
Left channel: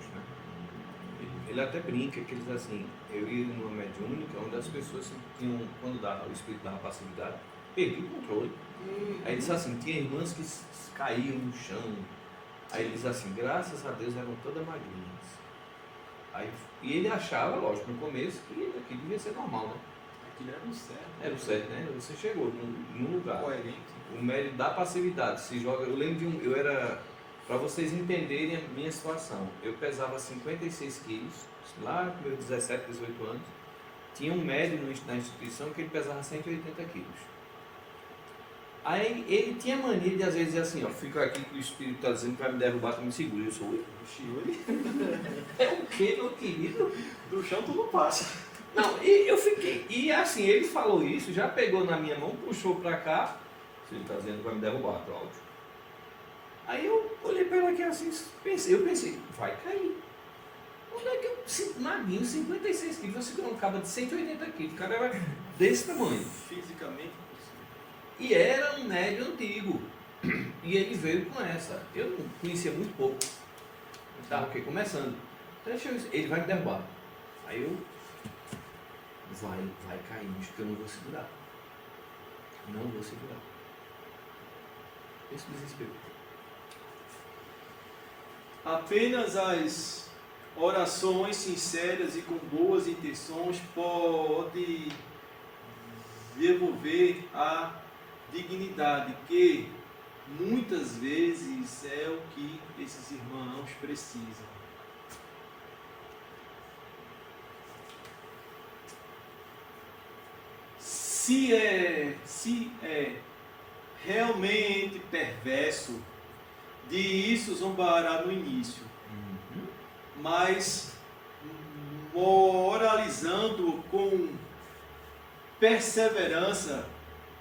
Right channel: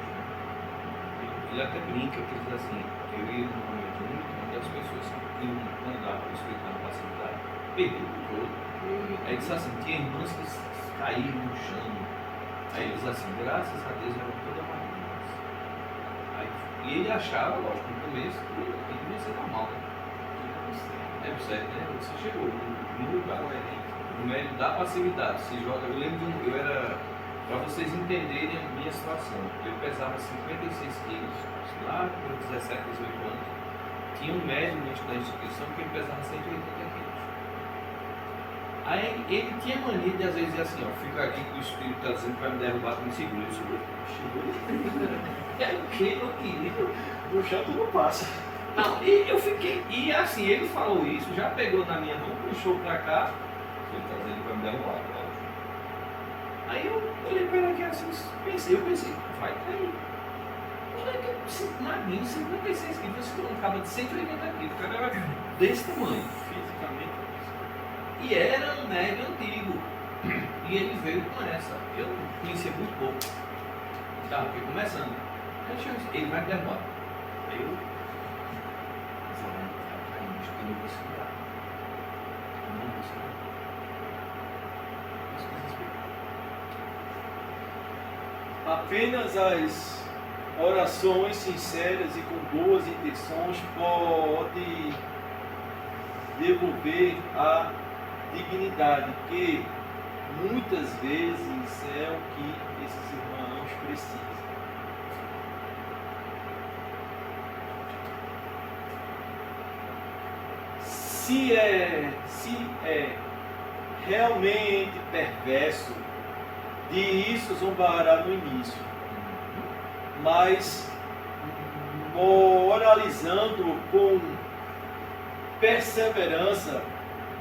ele até brinca, que ele diz assim, eu ia numa mediúnica onde as pessoas tinham, quando dava o espírito na passividade, perdiam o controle. Aí ele diz assim, tinha irmãs que caíram no chão. Aí ele diz assim, graças a Deus eram todas magrinhas. Aí, e ele achava, lógico, no começo, que devia ser normal, né? É o certo, né? Você chegou no lugar. O mérito da passividade. Se joga, eu lembro de eu era, para vocês entenderem a minha situação, eu pesava 56 quilos, lá com meus 17, 18 anos, tinha um médico na instituição que ele pesava 180 quilos. Aí ele tinha mania de às vezes dizer assim, ó, fica aqui que o espírito está dizendo que vai me derrubar, tu me segura, eu seguro. É o que, meu querido? No chão tu não passa. Não, e eu fiquei, e assim, ele falou isso, já pegou na minha mão, puxou pra cá, ele está dizendo que vai me derrubar, Cláudio. Aí eu olhei para ele aqui assim, eu pensei, vai cair. Olha que magrinho, 56 quilos, você não acaba de 180 quilos, o cara era desse tamanho. Fisicamente. E era um médio antigo. E ele veio com essa. Eu não conhecia muito pouco. Estava começando. Ele vai me derrubar. Aí eu. Vai cair, acho que eu não vou segurar. Não vou segurar. Apenas as orações sinceras e com boas intenções pode devolver a dignidade que muitas vezes é o que esses irmãos precisam. Se é realmente perverso, de isso zombará no início, mas moralizando com perseverança,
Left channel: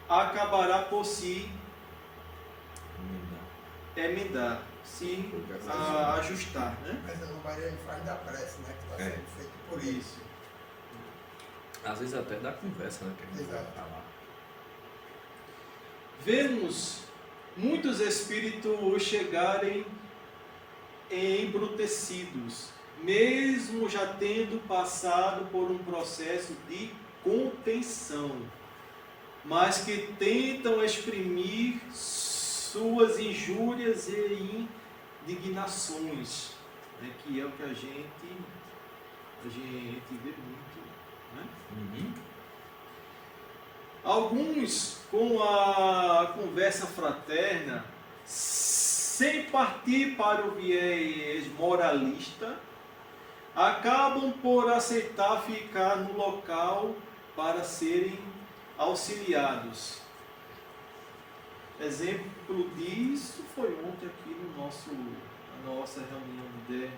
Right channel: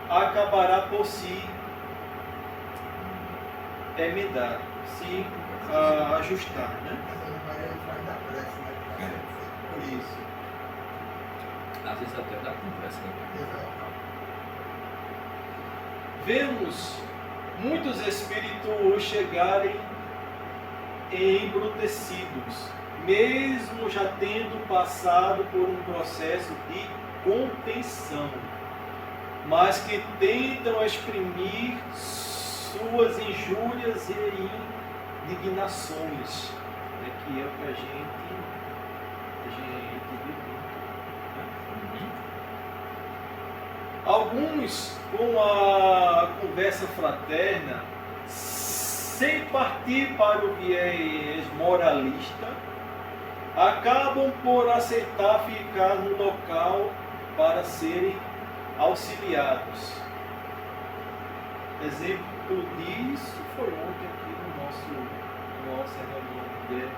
acabará por se emendar, se ajustar, né? Essa memória ele faz da prece, né? Que está sendo feito por isso. Às vezes até dá conversa, né? Exato. Vemos muitos espíritos chegarem embrutecidos, mesmo já tendo passado por um processo de contenção, mas que tentam exprimir suas injúrias e indignações, né, que é o que a gente vê muito. Né? Alguns, com a conversa fraterna, sem partir para o viés moralista, acabam por aceitar ficar no local para serem auxiliados. Exemplo disso foi ontem aqui na nossa reunião de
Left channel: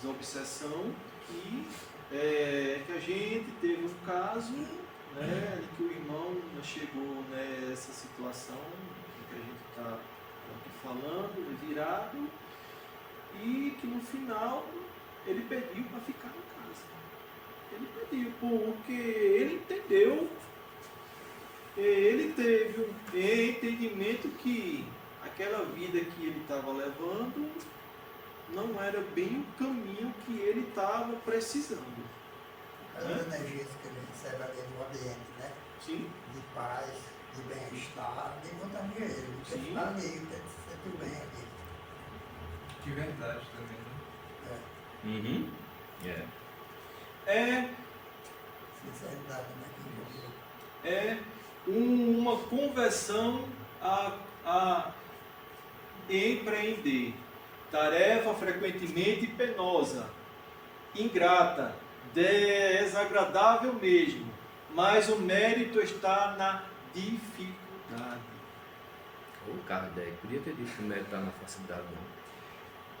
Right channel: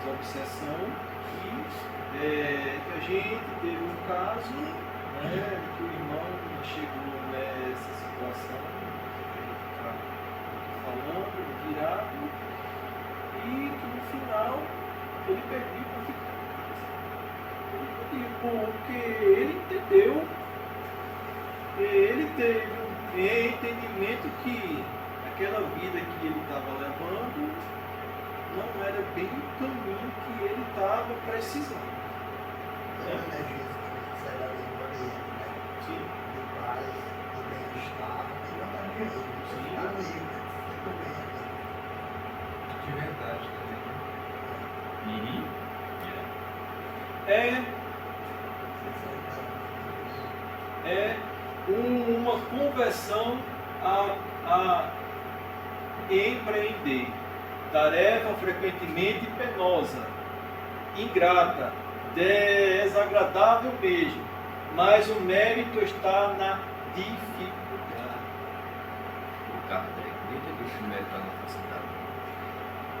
desobsessão, que a gente teve um caso, né, que o irmão chegou nessa situação que a gente está falando, virado, e que no final ele pediu para ficar em casa. Ele pediu porque ele entendeu, ele teve um entendimento que aquela vida que ele estava levando não era bem o caminho que ele estava precisando. As energias que ele recebe ali no ambiente, né? Sim. De paz, de bem-estar, de vontade de ele. Você Sim. ficar ali, sempre bem ali. De verdade também, né? É Sinceridade. uma conversão a empreender. Tarefa frequentemente penosa, ingrata, desagradável mesmo, mas o mérito está na dificuldade. O Kardec, nem todo o mérito está na facilidade.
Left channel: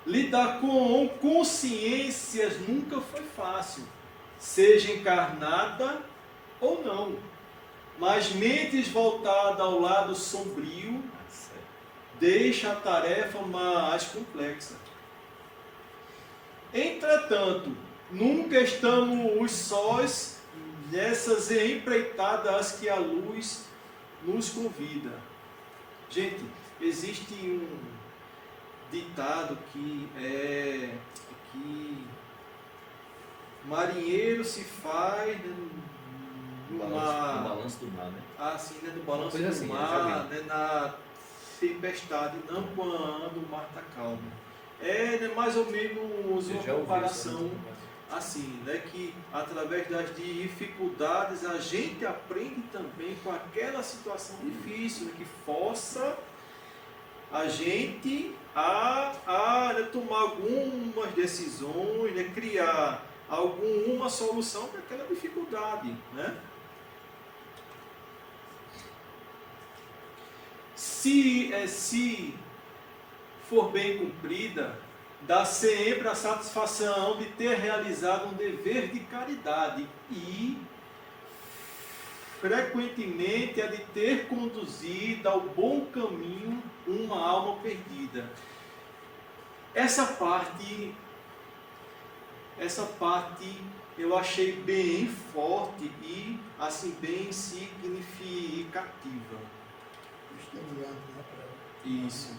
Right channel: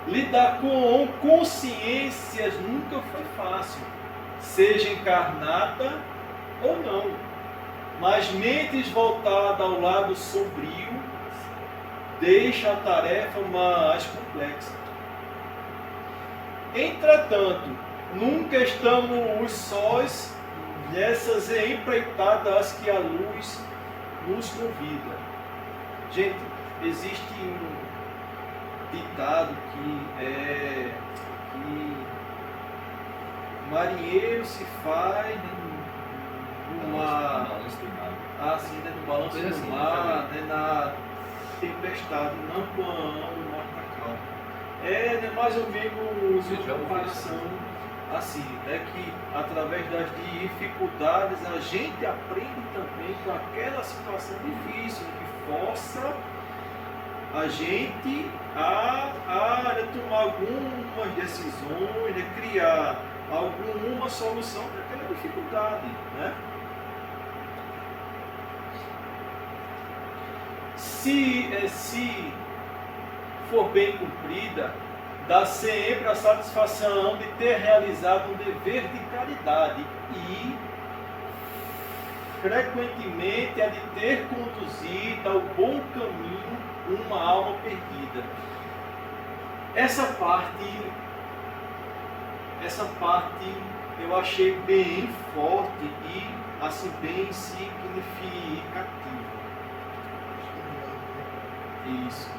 Lidar com consciências nunca foi fácil, seja encarnada ou não, mas mentes voltadas ao lado sombrio deixa a tarefa mais complexa. Entretanto, nunca estamos sós nessas empreitadas que a luz nos convida. Gente, existe um ditado que marinheiro se faz numa... balanço do mar. assim, né, no balanço Coisa do assim, mar, né, na tempestade, não quando o mar está calmo. É, né, mais ou menos Você já uma ouviu comparação isso? assim, né, que através das dificuldades a gente aprende também com aquela situação difícil, que força a gente a né, tomar algumas decisões, né, criar alguma solução para aquela dificuldade, né? Se for bem cumprida, dá sempre a satisfação de ter realizado um dever de caridade e frequentemente a de ter conduzido ao bom caminho uma alma perdida. Essa parte eu achei bem forte e assim bem significativa. Isso.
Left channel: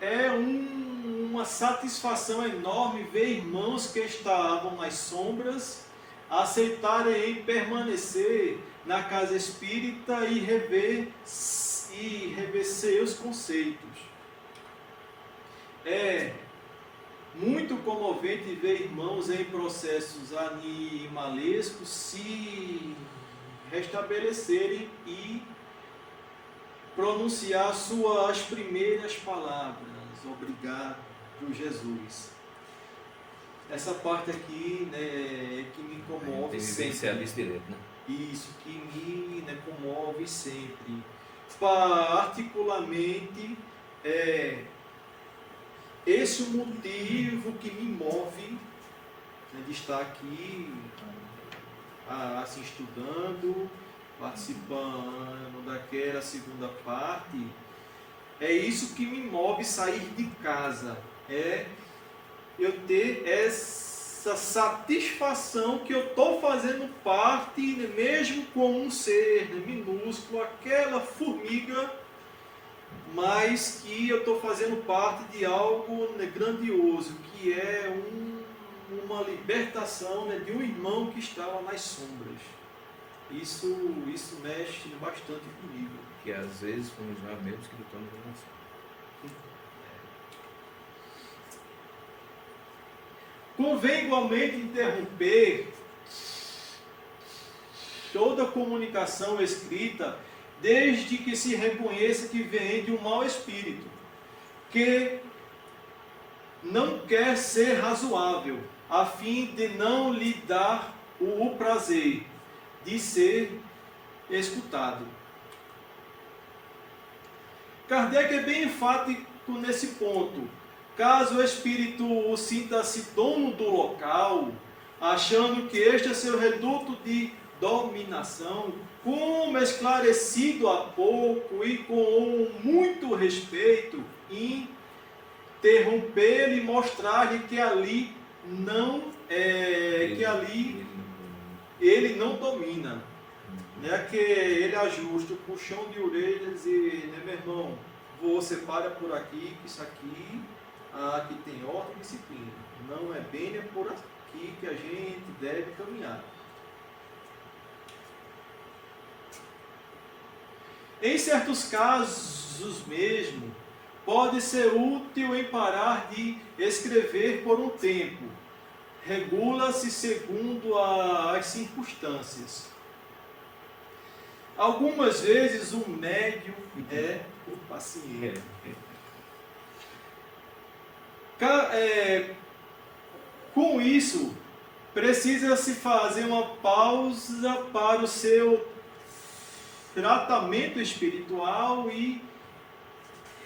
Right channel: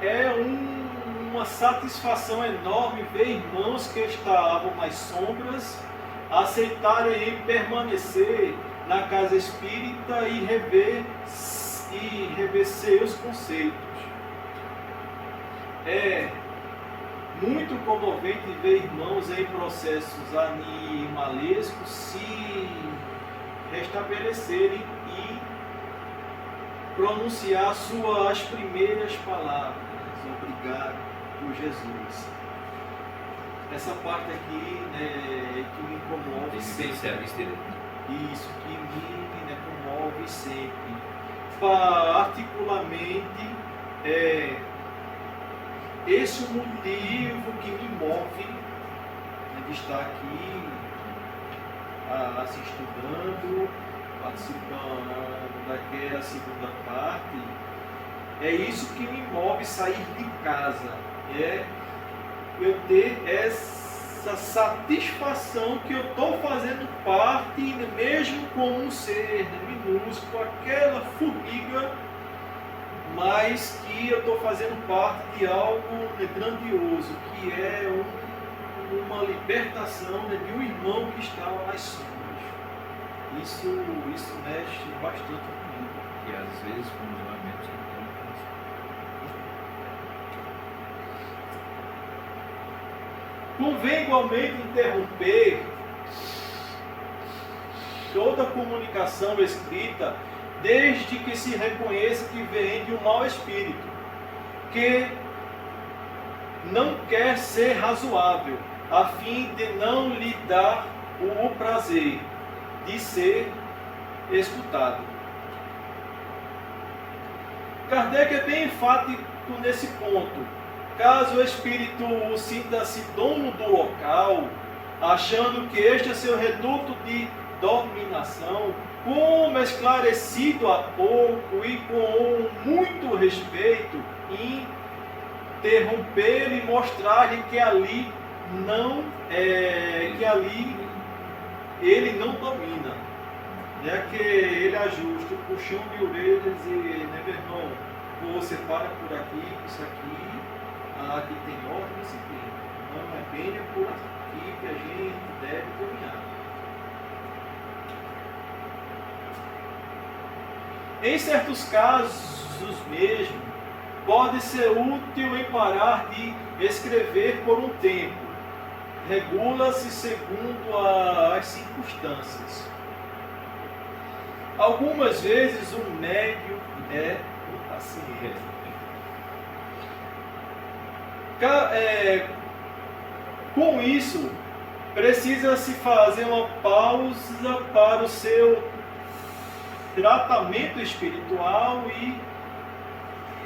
É uma satisfação enorme ver irmãos que estavam nas sombras aceitarem permanecer na casa espírita e rever seus conceitos. É muito comovente ver irmãos em processos animalescos se restabelecerem e pronunciar suas primeiras palavras. Obrigado por Jesus. Essa parte aqui, né, que me comove sempre. Isso, que me, né, comove sempre. Particularmente, esse é o motivo que me move, né, de estar aqui assim, estudando, participando daquela segunda parte. É isso que me move sair de casa, é eu ter essa satisfação que eu estou fazendo parte, mesmo com um ser minúsculo, aquela formiga, mas que eu estou fazendo parte de algo grandioso, que é uma libertação, né, de um irmão que estava nas sombras. Isso mexe bastante comigo. E às vezes fomos nós mesmos que lutamos com isso. Convém igualmente interromper toda comunicação escrita, desde que se reconheça que vem de um mau espírito, que não quer ser razoável, a fim de não lhe dar o prazer de ser escutado. Kardec é bem enfático nesse ponto. Caso o espírito sinta-se dono do local, achando que este é seu reduto de dominação, como esclarecido há pouco e com muito respeito, interromper e mostrar-lhe que ali não que ali ele não domina, né? Que ele ajusta o puxão de orelhas e, né, meu irmão, você para por aqui, que isso aqui tem ordem e disciplina. Não é bem por aqui que a gente deve caminhar. Em certos casos mesmo, pode ser útil em parar de escrever por um tempo. Regula-se segundo as circunstâncias. Algumas vezes o médium é o paciente. Com isso, precisa-se fazer uma pausa para o seu tratamento espiritual e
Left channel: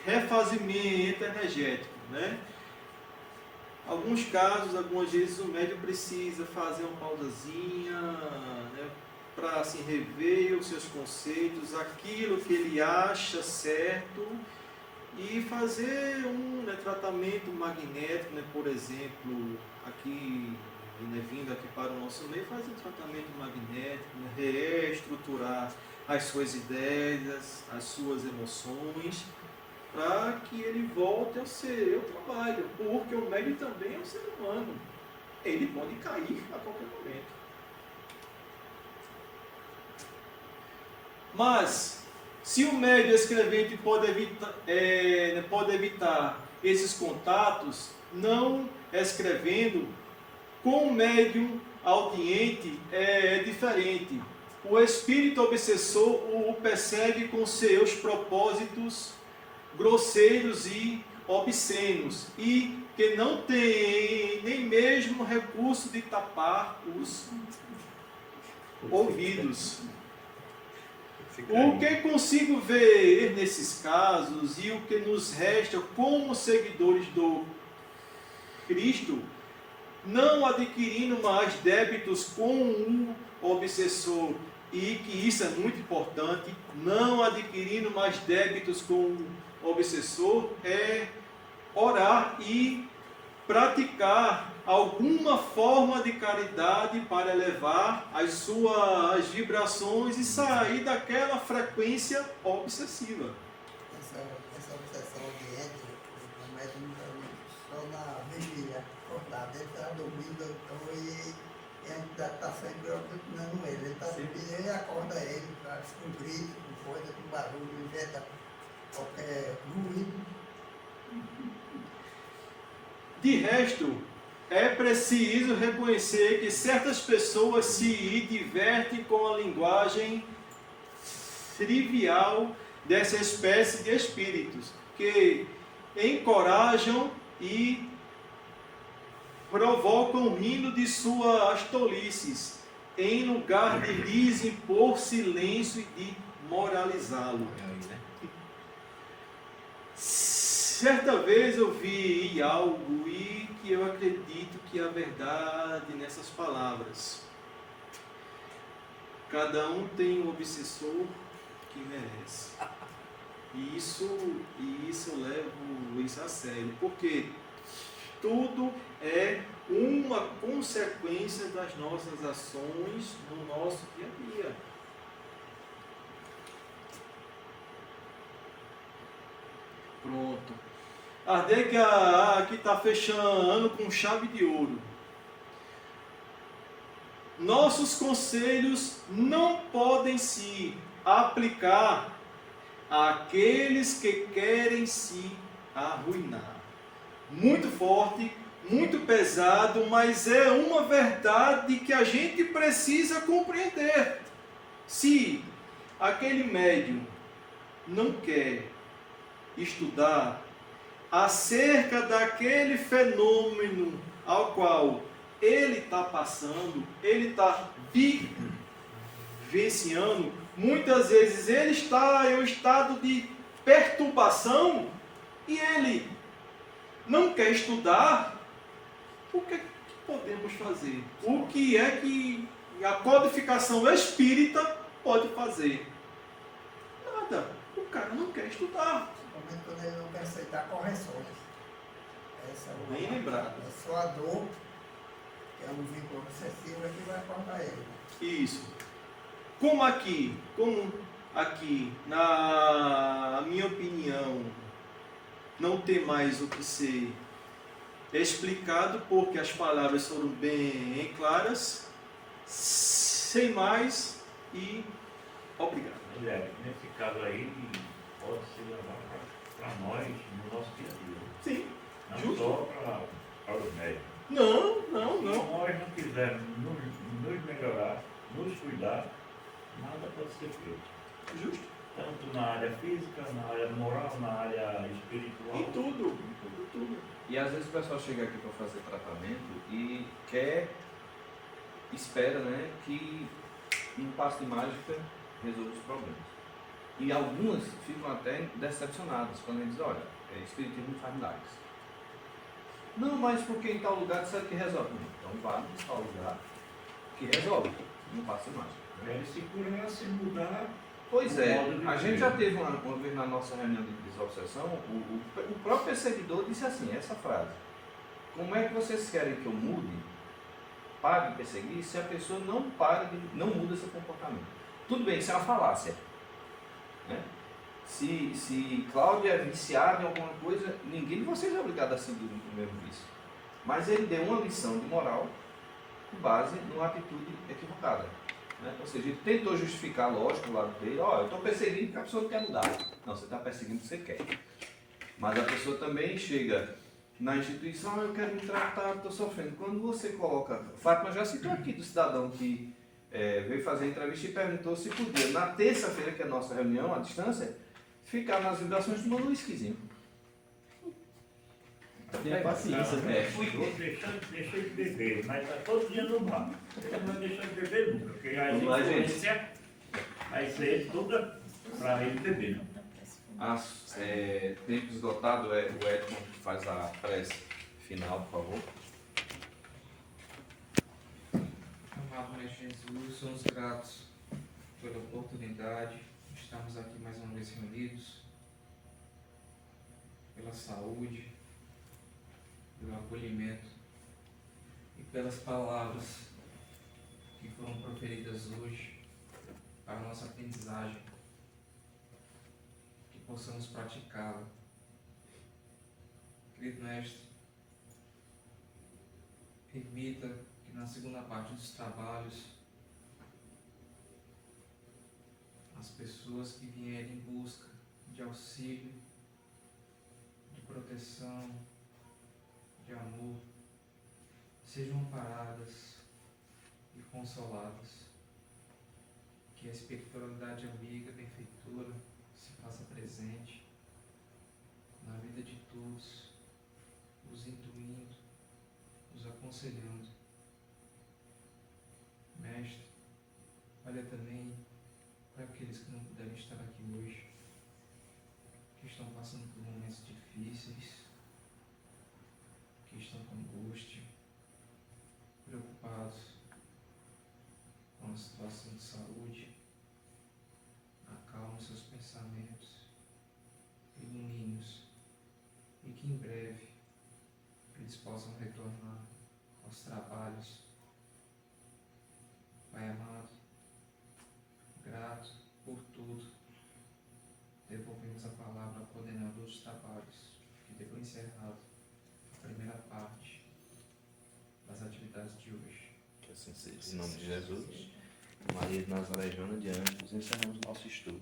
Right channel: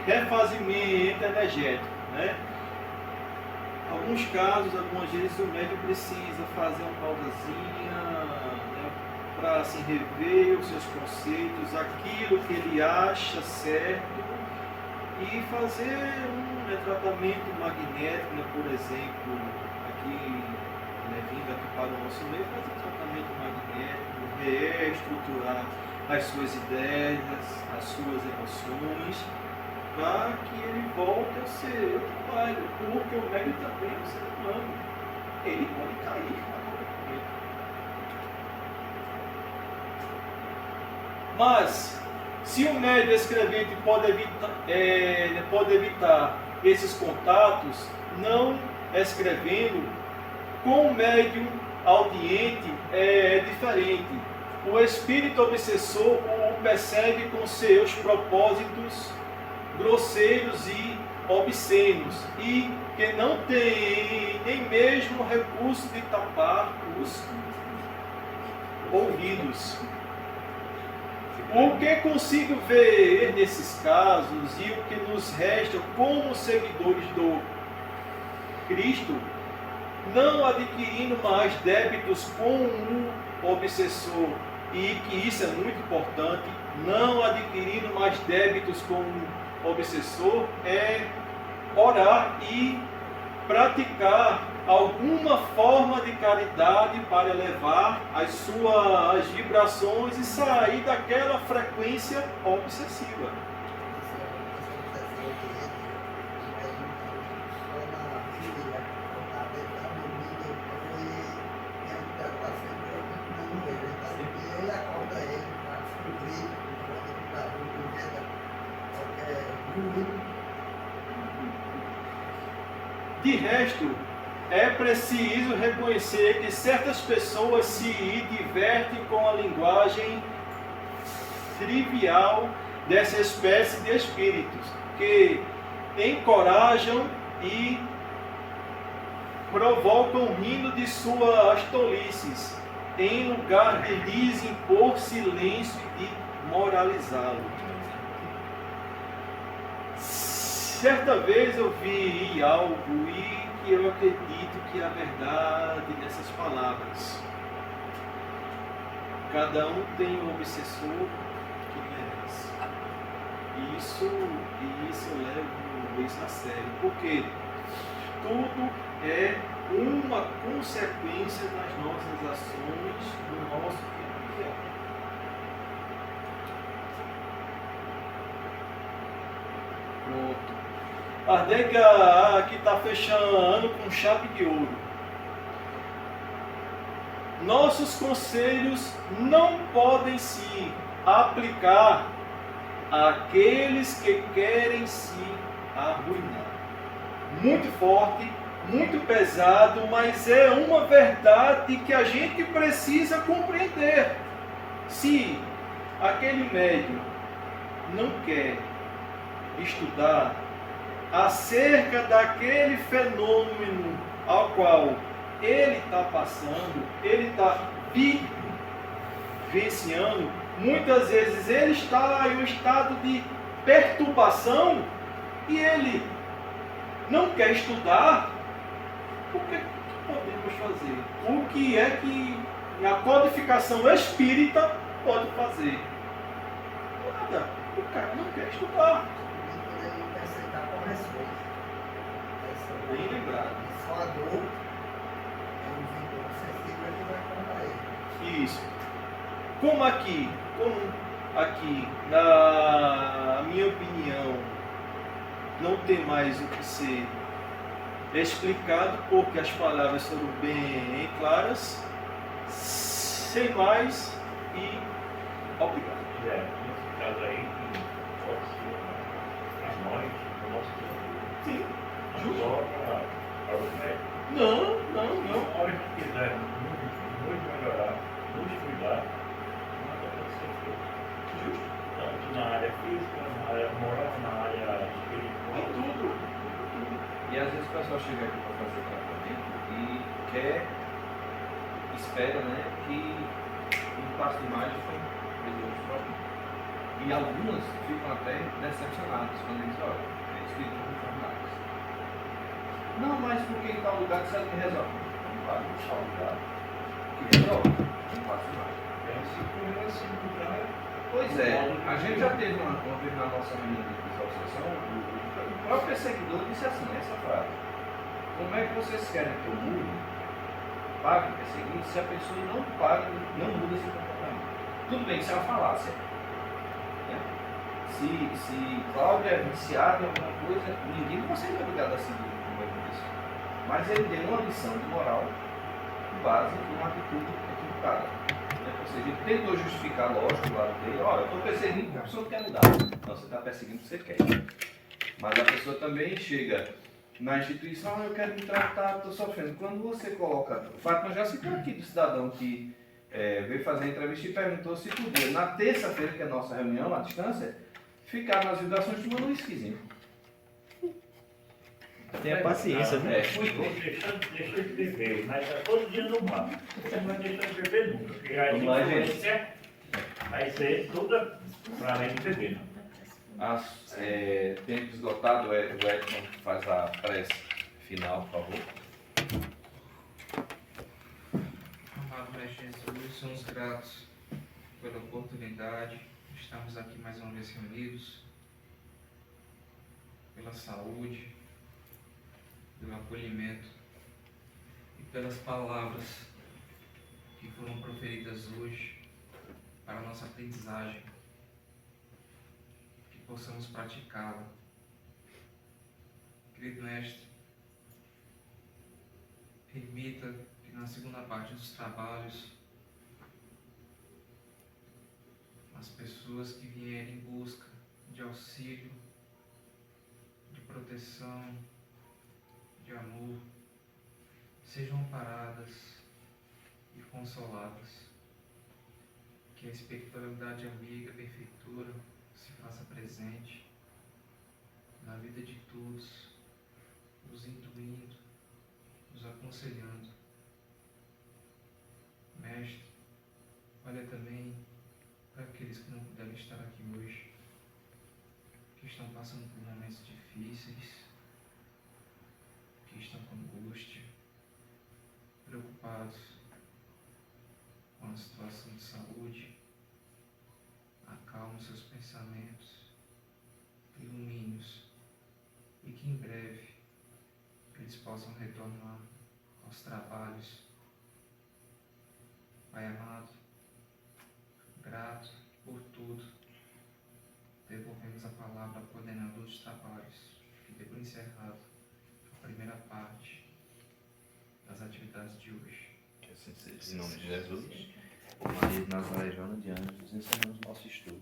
refazimento energético, né? Alguns casos, algumas vezes o médium precisa fazer uma pausazinha, né, para assim, rever os seus conceitos, aquilo que ele acha certo e fazer um tratamento magnético, né, por exemplo, aqui, né, vindo aqui para o nosso meio, fazer um tratamento magnético, né, reestruturar as suas ideias, as suas emoções para que ele volte a ser o trabalho, porque o médium também é um ser humano. Ele pode cair a qualquer momento. Mas, se o médium escrevente pode evitar esses contatos, não escrevendo, com o médium audiente é diferente. O espírito obsessor o persegue com seus propósitos grosseiros e obscenos, e que não tem nem mesmo recurso de tapar os ouvidos. O que consigo ver nesses casos e o que nos resta como seguidores do Cristo, não adquirindo mais débitos com o obsessor, e que isso é muito importante, não adquirindo mais débitos com o obsessor, é orar e praticar alguma forma de caridade para elevar as suas vibrações e sair daquela frequência obsessiva. Essa obsessão que entra, mas só na vigília, acordado, ele está dormindo, ele está sempre ocupando ele. Ele está dormindo, ele acorda ele, faz com grito, com barulho, inventa qualquer ruído. De resto, é preciso reconhecer que certas pessoas se divertem com a linguagem trivial dessa espécie de espíritos, que encorajam e provocam o rindo de suas tolices, em lugar de lhes impor silêncio e de moralizá-lo. Certa vez eu vi algo e que eu acredito que é a verdade nessas palavras. Cada um tem um obsessor que merece. E isso eu levo isso a sério, porque tudo é uma consequência das nossas ações no nosso dia a dia. Pronto. Kardec aqui está fechando com chave de ouro. Nossos conselhos não podem se aplicar àqueles que querem se arruinar. Muito forte, muito pesado, mas é uma verdade que a gente precisa compreender. Se aquele médium não quer estudar acerca daquele fenômeno ao qual ele está passando, ele está vivenciando, muitas vezes ele está em um estado de perturbação e ele não quer estudar, o que podemos fazer? O que é que a codificação espírita pode fazer? Nada. O cara não quer estudar. Ele não quer aceitar correções. Bem lembrado. É só a dor, é um vínculo obsessivo que vai cortar ele. Isso. Como aqui, na minha opinião, não tem mais o que ser explicado, porque as palavras foram bem claras, sem mais, e obrigado. Nesse caso aí, pode ser para nós, no nosso dia a dia. Sim, Não justo. só para os médicos. Não. Se nós não quisermos nos melhorar, nos cuidar, nada pode ser feito. Justo. Tanto na área física, na área moral, na área espiritual. Em tudo. E às vezes o pessoal chega aqui para fazer tratamento e espera, né, que um passo de mágica resolva os problemas. E algumas ficam até decepcionadas quando eles olham, espírito não faz nada. Não, mas porque em tal lugar sabe que resolve. Então vá em tal lugar que resolve, não passo de mágica. Se conhece mudar, Pois é, a gente já teve uma vez na nossa reunião de desobsessão, o próprio perseguidor disse assim, essa frase: como é que vocês querem que eu mude, pague perseguir, se a pessoa não paga, não muda seu comportamento? Tudo bem, isso é uma falácia. Né? Se Cláudio é viciado em alguma coisa, ninguém de vocês é obrigado a seguir o mesmo disso. Mas ele deu uma lição de moral com base numa atitude equivocada. Né? Ou seja, ele tentou justificar, lógico, o lado dele, ó, eu estou perseguindo porque a pessoa não quer mudar. Não, você está perseguindo porque você quer. Mas a pessoa também chega na instituição, eu quero me tratar, estou sofrendo. Quando você coloca, Fátima já citou aqui do cidadão que veio fazer a entrevista e perguntou se podia, na terça-feira, que é a nossa reunião, à distância, ficar nas vibrações tomando um whiskyzinho. Tenha paciência, né? Deixa de beber, mas está todo dia no bar. Você não deixa de beber nunca, porque a Vamos lá, gente. influência vai ser toda para além de beber, não. Tempo esgotado, o Edson faz a prece final, por favor. Amado Mestre Jesus, somos gratos pela oportunidade de estarmos aqui mais uma vez reunidos, pela saúde, pelo acolhimento e pelas palavras que foram proferidas hoje para a nossa aprendizagem, que possamos praticá-la. Querido Mestre, permita que na segunda parte dos trabalhos as pessoas que vierem em busca de auxílio, de proteção, de amor, sejam amparadas e consoladas. Que a espiritualidade amiga, benfeitora, se faça presente na vida de todos, os intuindo, os aconselhando. Mestre, olha também para aqueles que não puderam estar aqui hoje, que estão passando por momentos difíceis, que estão com angústia, preocupados com a situação de saúde. Acalme seus pensamentos, ilumine-os e que em breve eles possam retornar aos trabalhos. Pai amado, grato por tudo, devolvemos a palavra ao coordenador dos trabalhos, que deu por encerrado a primeira parte das atividades de hoje. Que assim seja. Em nome de Jesus, Maria de Nazaré e Joana de Anjos, encerramos nosso estudo.